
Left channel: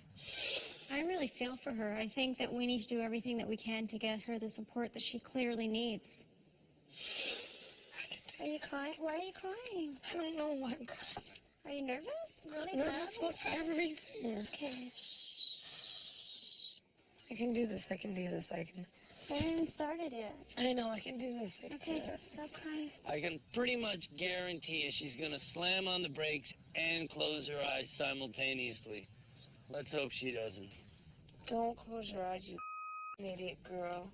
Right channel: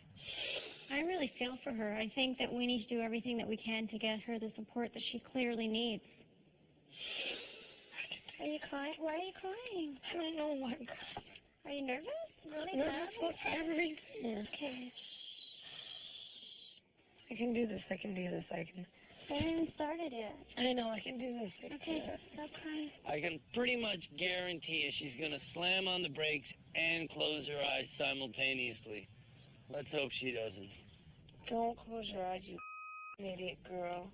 I really feel for her. I think that we need to do everything that we can to get her the support that she clearly needs. I can Are you crying? Why are you crying? I don't know why I'm crying. Are you nervous? Really Nervous bad? about everything. Okay. I can do this. I can do this. I can. I haven't even started yet. I know I can do this. I can Okay, do this. stop crying. I can pretty much guarantee you she's gonna slam on the brakes and close her eyes simultaneously. Let's hope she doesn't. Don't close your eyes, you idiot girl.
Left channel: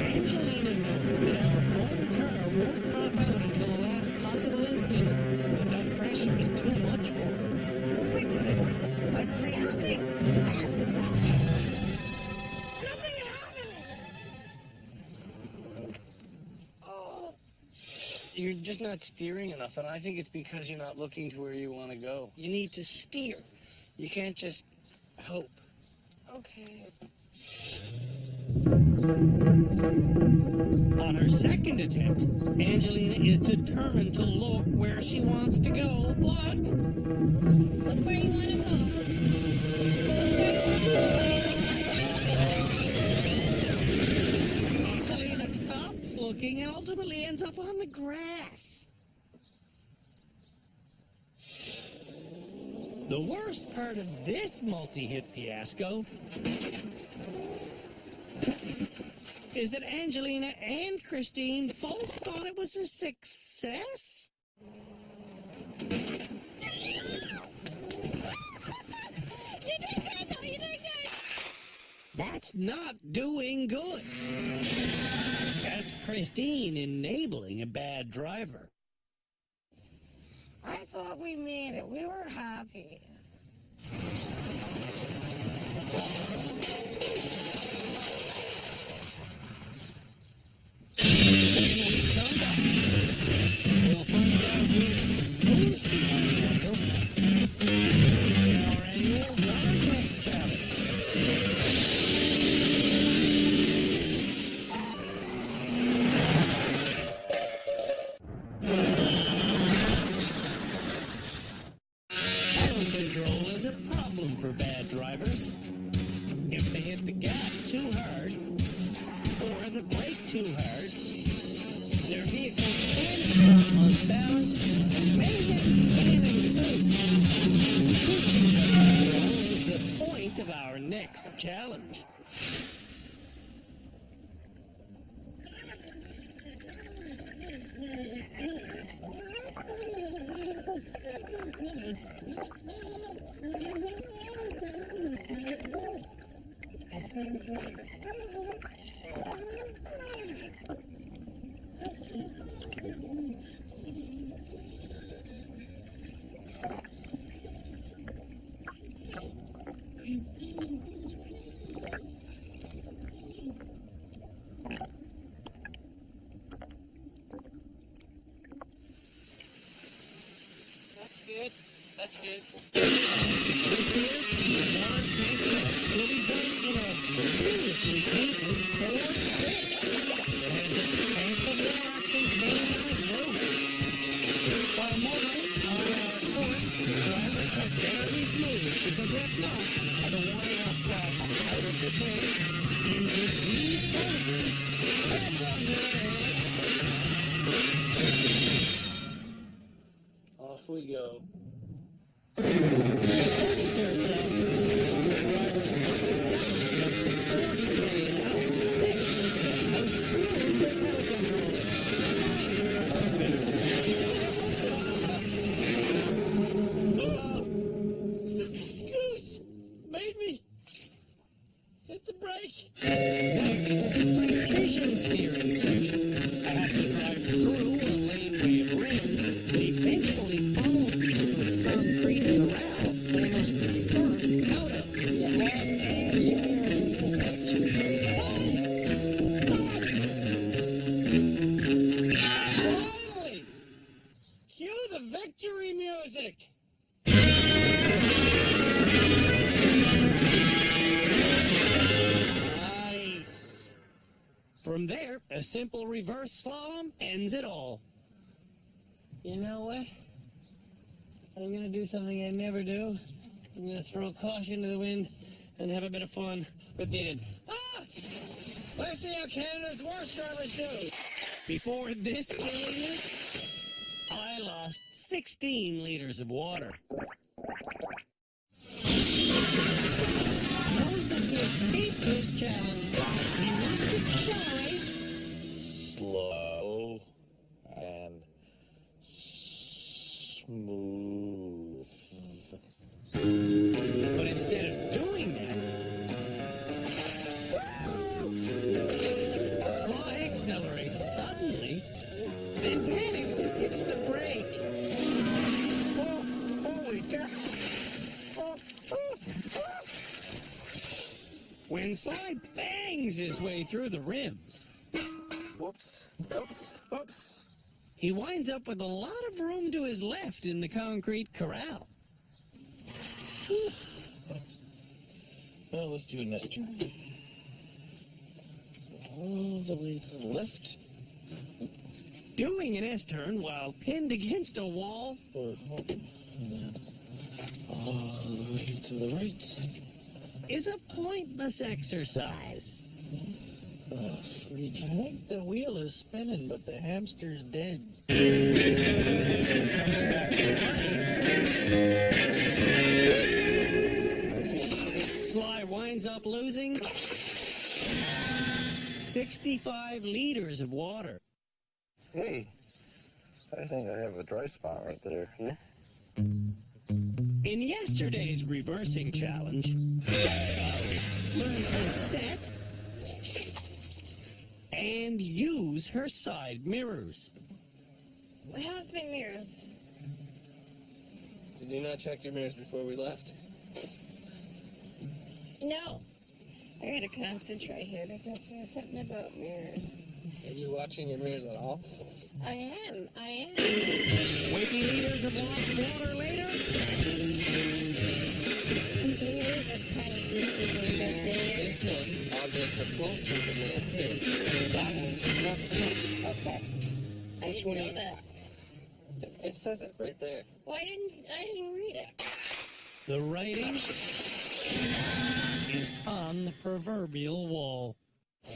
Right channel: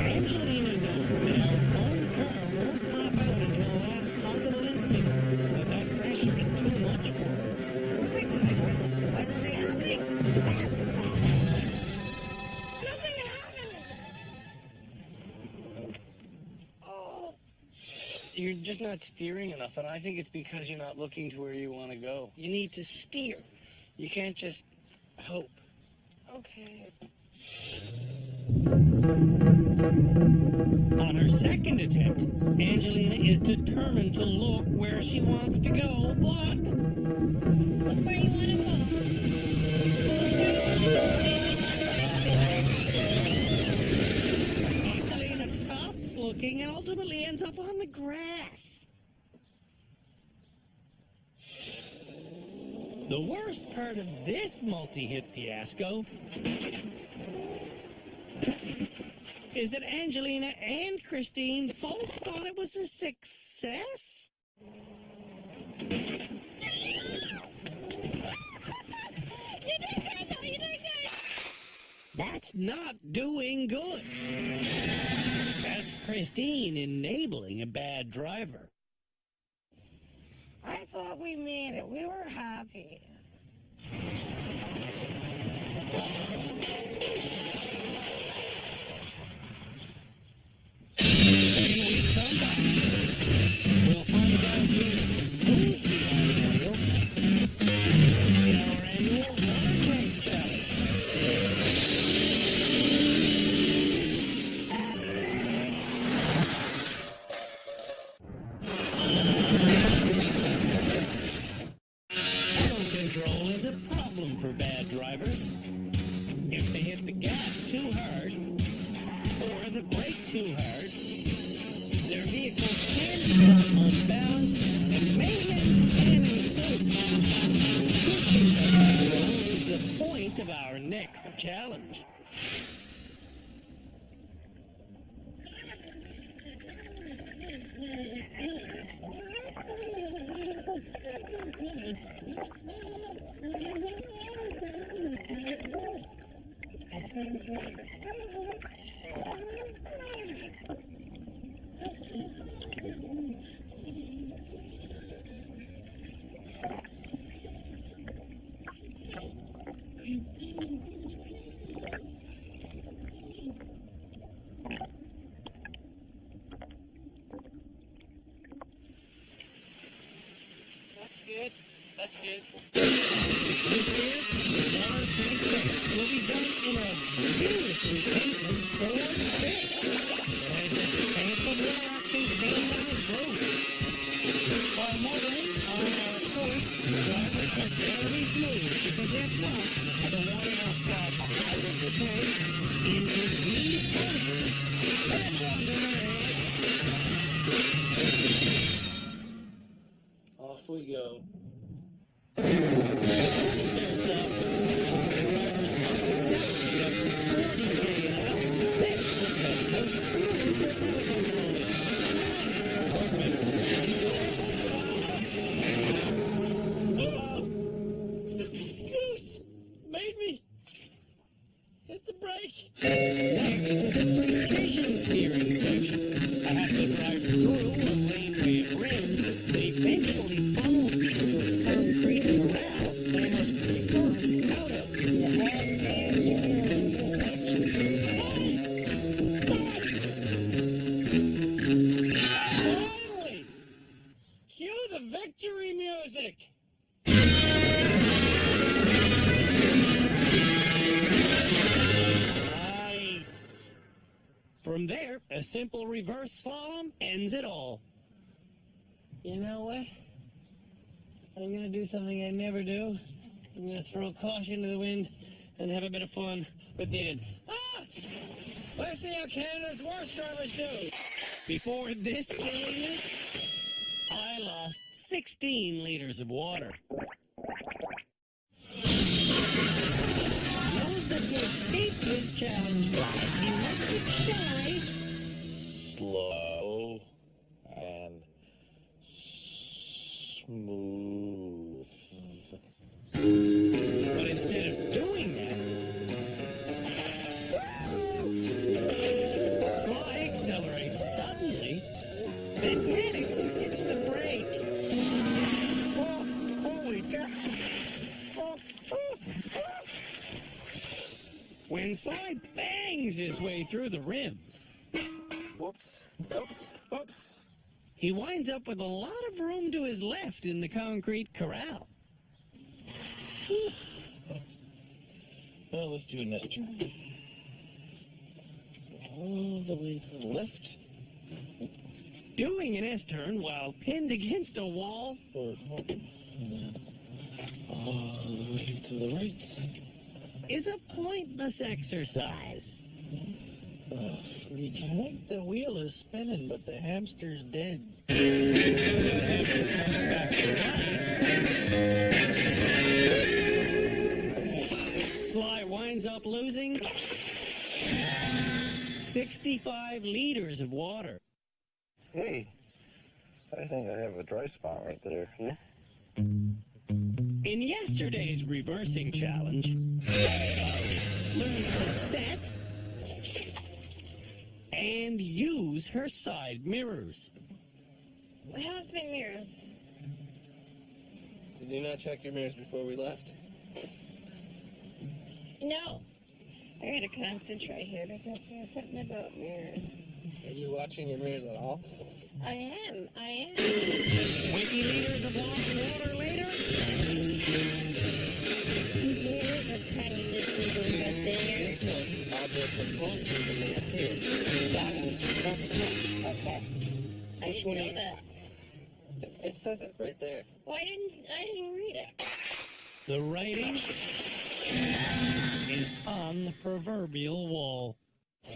Angelina knows that our home car won't pop out until the last possible instant, but that pressure is too much for her. What am I doing? Why is nothing happening? Nothing happened! Oh. You're just not steering enough, and I think it's because you're not looking to where you want to go. You need to steer. You can't just hope. Okay. On her second attempt, Angelina is determined to look where she wants to go, but... Look where you want to go. Look where you want to go, baby. Look where you want to go. Angelina stops looking and ultimately ends up on the grass. The worst part of this multi-hit fiasco is that Angelina and Christine both thought it was a success. You did good, though. You did good. That's not doing good. That's Christine enabling a bad driver. I thought we made it. We were happy. When we come back, we'll find out who's smooth behind the wheel in our annual water tank challenge. Pedal control is a problem for bad drivers. If they hit the gas too hard or the brake too hard, their vehicle can become unbalanced and mayhem can ensue. Teaching pedal control is the point of our next challenge. That's good. This year, the water tank test will be done in a beautifully painted Ford Fish that has a tank of water contained on its roof. While motoring on our course, drivers had better be smooth, because if not, the water will slosh out of the tank into these hoses and onto their heads. Off we go. The course starts off with a section where drivers must accelerate up to 40 an hour. This will test how smooth their pedal control is. And mine is perfect until I approach the bottom. Oh! The goose made me hit the brake. Next is a precision steering section. I have to drive through a laneway of rims that eventually funnels me into a concrete corral that I must reverse out of. You have to use your mirrors in this section. Hey! Stop! Finally! Cue the victory music! Nice. From there, a simple reverse slalom ends it all. You know what? I'm gonna do something I never do. I'm gonna throw caution to the wind and have a bit of fun with the end. Ah! Let's see how Canada's worst drivers do. Before this silliness, I lost 16 liters of water. Sly knows that to escape this challenge drive, he must accelerate Slow and smooth. But instead of doing that, Sly accelerates suddenly, then panics and hits the brake. Oh, holy cow! When Sly bangs his way through the rims, Whoops, oops, oops. he winds up with a lot of room to his left in the concrete corral. Well, let's do an S-turn. So all the way to the left. Doing an S-turn while pinned against a wall And then all the way to the right. is a pointless exercise. Freak, I think the wheel is spinning, but the hamster's dead. When the hamster comes back to life, I see. Sly winds up losing 65 liters of water. Hey, I think I have a dry spot right there. Yeah? In yesterday's reversing challenge, Dido learned to set and use her side mirrors. How's my mirrors? Did you not check your mirrors before we left? No. I gotta concentrate here because there's something about mirrors. Are you watching your mirrors at all? I am. 20 liters of lost water later, These mirrors are kind of deceiving, but they are... This one, objects are closer than they appear. That one, not so much. Okay. I Which didn't one know are you- that. It says it right there. Well, I didn't read it. the writing is on the proverbial wall. I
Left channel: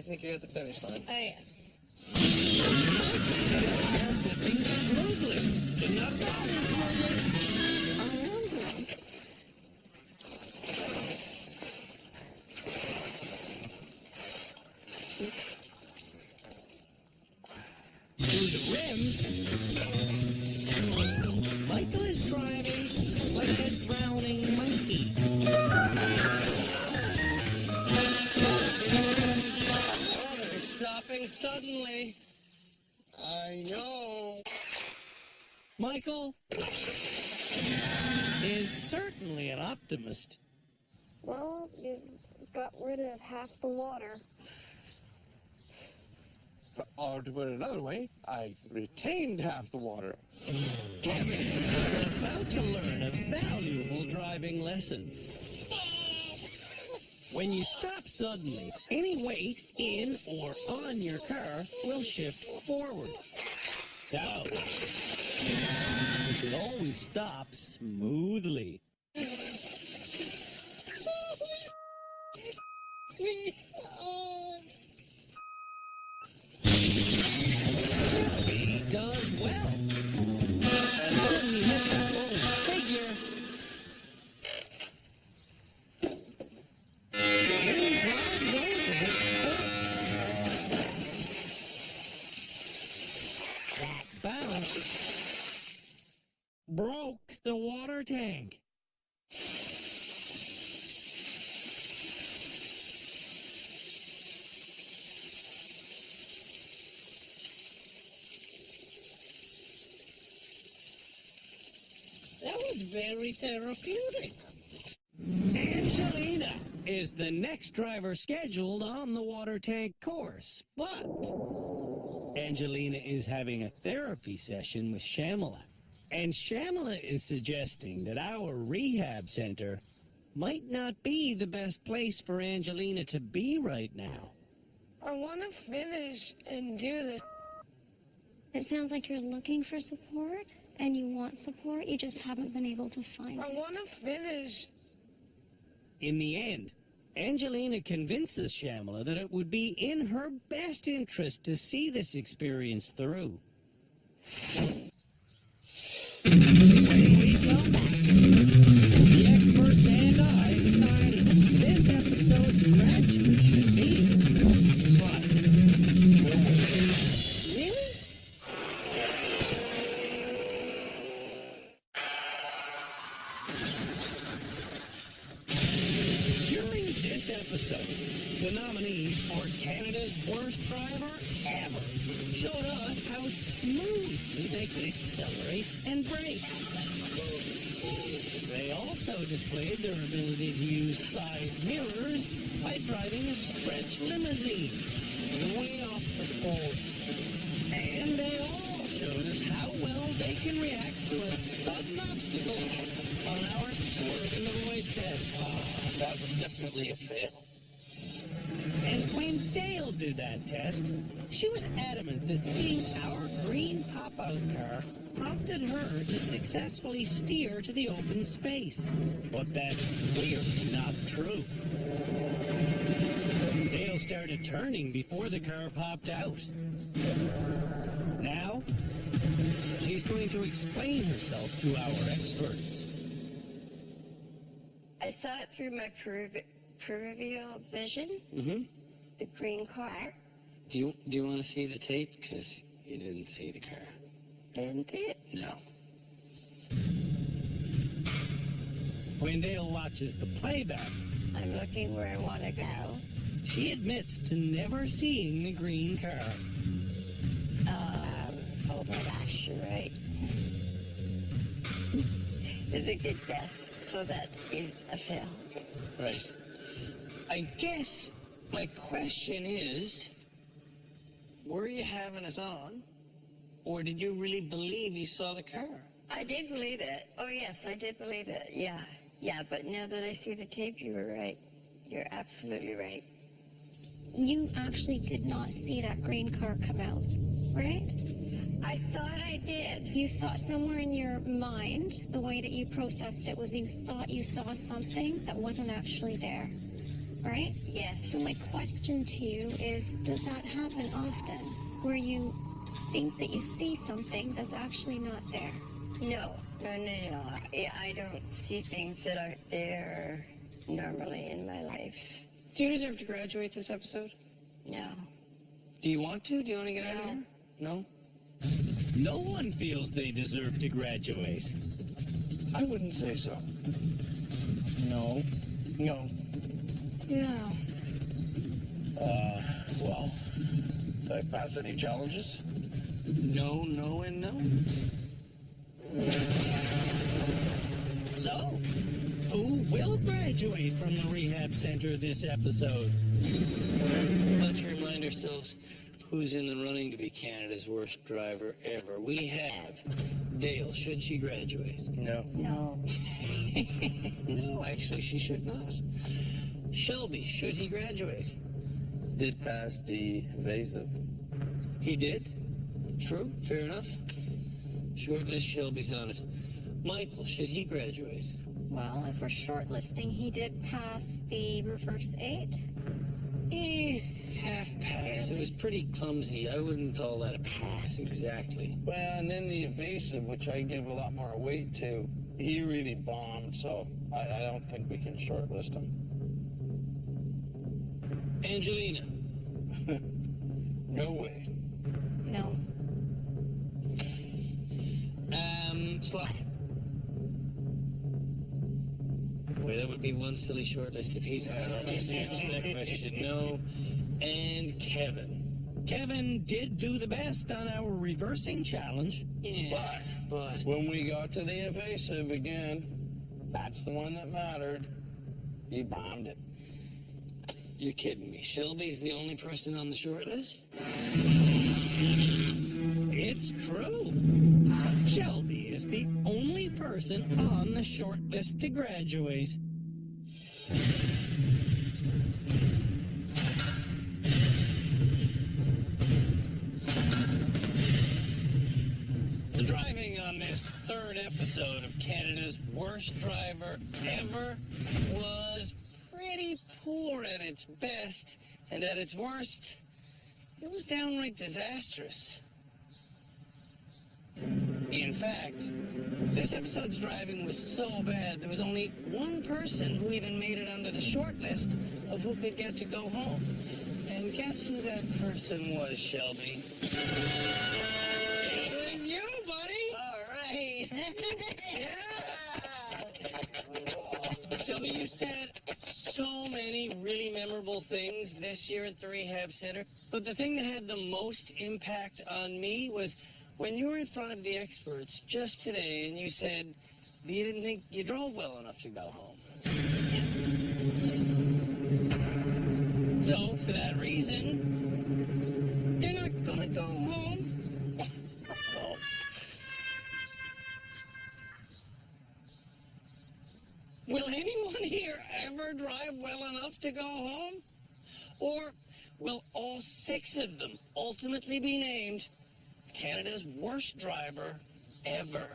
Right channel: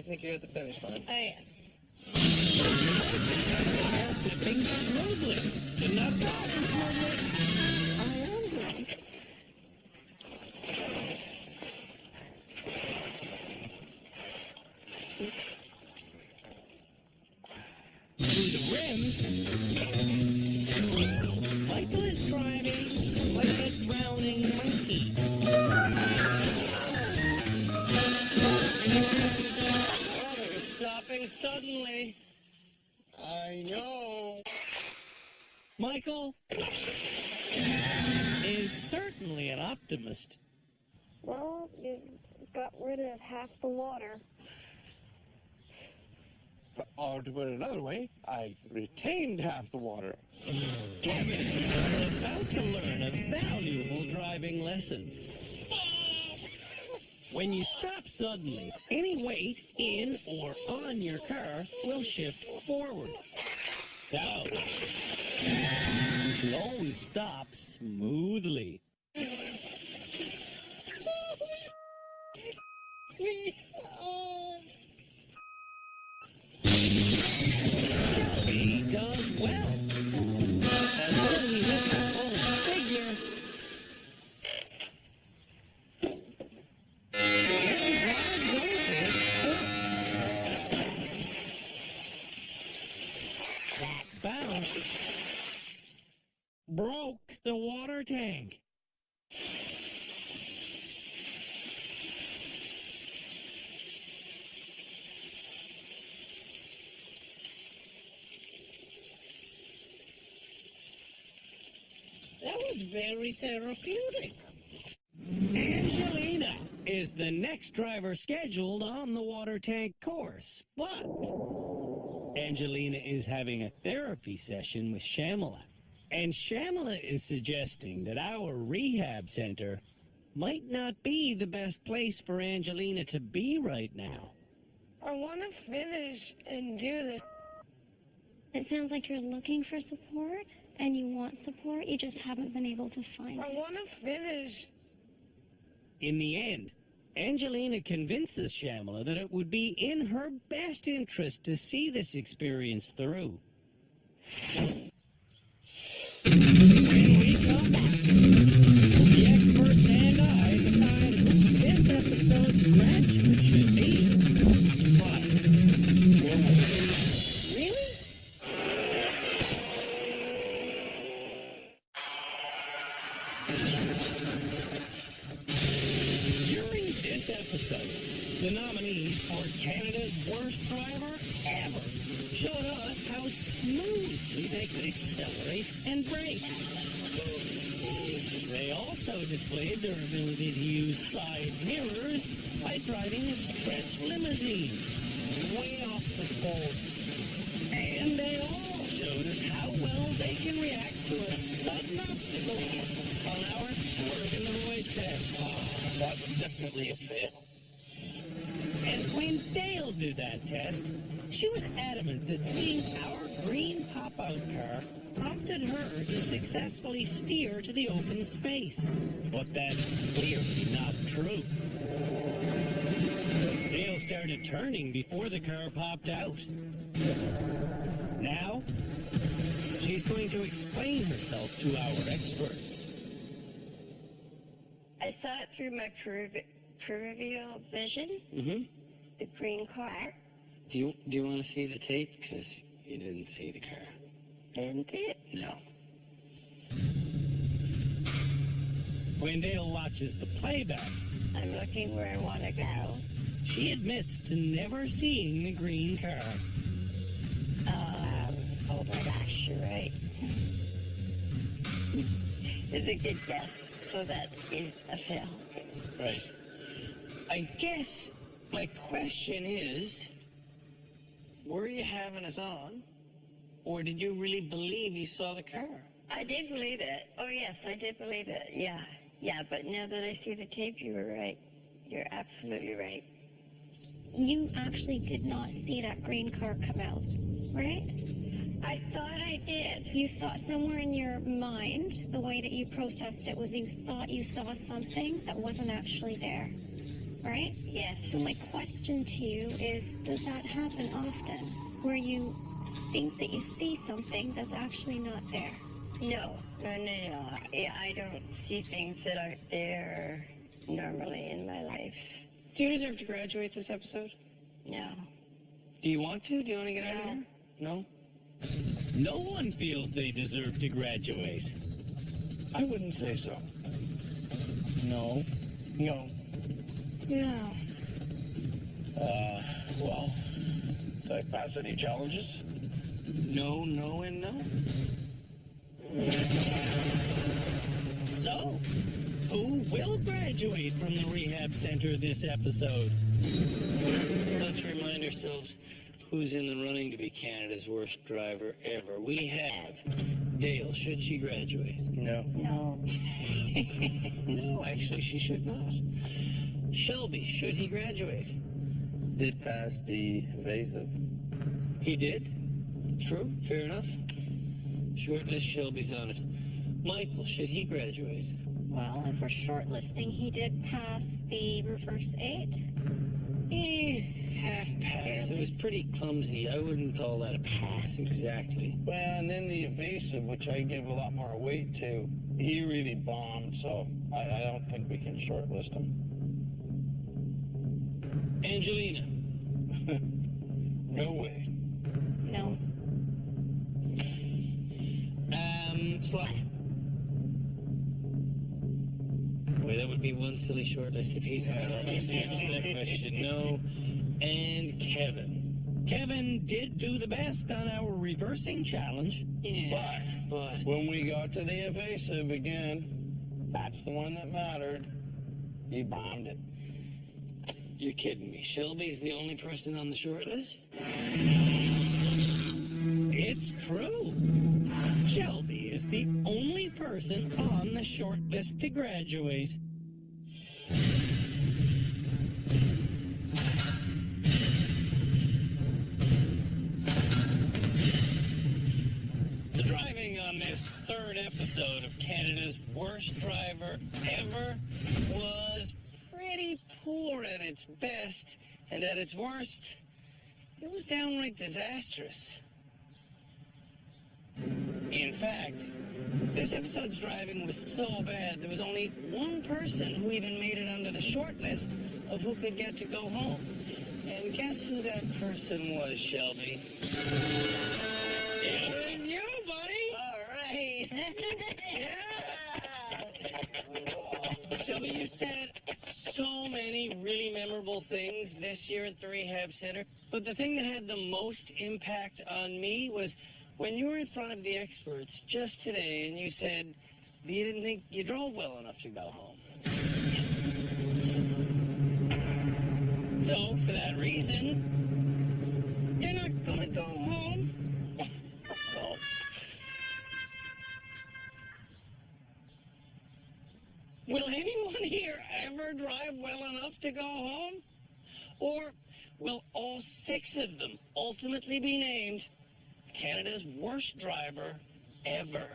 think you're at the finish line. I Micah is hair flipping smoothly, but not driving smoothly. am drunk. Through the rims, Michael is driving like a drowning monkey. Mini rims on water stopping suddenly. I know. Michael is certainly an optimist. Well, you got rid of half the water. Or to put it another way, I retained half the water. Kevin is about to learn a valuable driving lesson. When you stop suddenly, any weight in or on your car will shift forward. So, you should always stop smoothly. Shelby does well until he hits a foam figure, then drives over its corpse. That bounce broke the water tank. That was very therapeutic. Angelina is the next driver scheduled on the water tank course, but Angelina is having a therapy session with Shamala. And Shamala is suggesting that our rehab center might not be the best place for Angelina to be right now. I want to finish and do this. It sounds like you're looking for support and you want support, you just haven't been able to find I it. want to finish. In the end, Angelina convinces Shamala that it would be in her best interest to see this experience through. When we come back, the experts and I decide who this episode's graduate should be. Sly. No way. Really? During this episode, the nominees for Canada's Worst Driver Ever showed us how smoothly they could accelerate and brake. They also displayed their ability to use side mirrors by driving a stretch limousine. Way off the course. And they all showed us how well they can react to a sudden obstacle on our swerve in the void test. That was definitely a fail. And when Dale did that test, she was adamant that seeing our green pop-out car prompted her to successfully steer to the open space. But that's clearly not true. Dale started turning before the car popped out. Now, she's going to explain herself to our experts. I saw it through my peripheral vision. Mm-hmm. The green car. Do you want to see the tape? Because you didn't see the car. Didn't it? No. When Dale watches the playback, I'm looking where I want to go. she admits to never seeing the green car. Oh my gosh, you're right. It's a good guess, so that is a fail. Right. I guess my question is, were you having us on, or did you really believe you saw the car? I did believe it. Oh yes, I did believe it. Yeah. Yeah, but now that I see the tape, you were right. You're absolutely right. You actually did not see that green car come out, right? I thought I did. You thought somewhere in your mind, the way that you processed it was you thought you saw something that wasn't actually there, right? Yes. So my question to you is, does that happen often, where you think that you see something that's actually not there? No. I don't see things that aren't there normally in my life. Do you deserve to graduate this episode? No. Do you want to? Do you want to get out of here? No? No one feels they deserve to graduate. I wouldn't say so. No. No. No. Well, did I pass any challenges? No, no, and no. So, who will graduate from the rehab center this episode? Let's remind ourselves who's in the running to be Canada's worst driver ever. We have Dale. Should she graduate? No. No. No, actually, she should not. Shelby, should he graduate? Did pass the evasive. He did? True, fair enough. Shortlist, Shelby's on it. Michael, should he graduate? Well, if we're shortlisting, he did pass the reverse 8. Half pass. It was pretty clumsy. I wouldn't call that a pass exactly. Well, and then the evasive, which I give a lot more weight to, he really bombed, so I don't think we can shortlist him. Angelina. No way. No. Sly. Boy, that would be one silly shortlist if he's out. I'll just answer that question. No. And Kevin. Kevin did do the best on our reversing challenge. Yeah, but When we got to the evasive again, that's the one that mattered. He bombed it. you're kidding me. Shelby's the only person on the shortlist? It's true. Shelby is the only person on the short list to graduate. The driving on this third episode of Canada's Worst Driver Ever was pretty poor at its best, and at its worst, it was downright disastrous. In fact, this episode's driving was so bad, there was only one person who even made it onto the short list of who could get to go home. And guess who that person was, Shelby? It was you, buddy! All right. Yeah! Shelby, you said so many really memorable things this year at the Rehab Center, but the thing that had the most impact on me was when you were in front of the experts just today and you said that you didn't think you drove well enough to go home. Yeah. So, for that reason, you're not gonna go home? Well, will anyone here ever drive well enough to go home? Or will all 6 of them ultimately be named Canada's worst driver ever?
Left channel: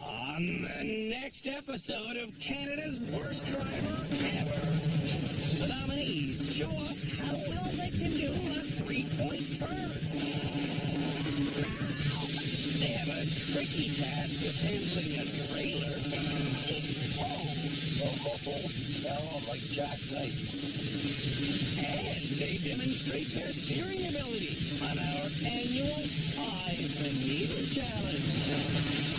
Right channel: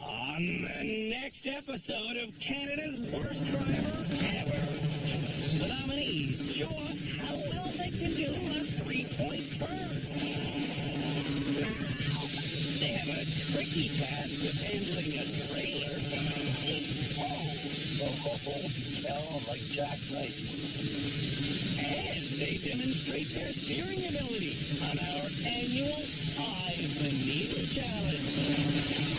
On the next episode of Canada's Worst Driver Ever, the nominees show us how well they can do a 3-point turn. They have a tricky task of handling a trailer. Oh, holy cow, I'm like jackknifed. And they demonstrate their steering ability on our annual Eye of the Needle Challenge.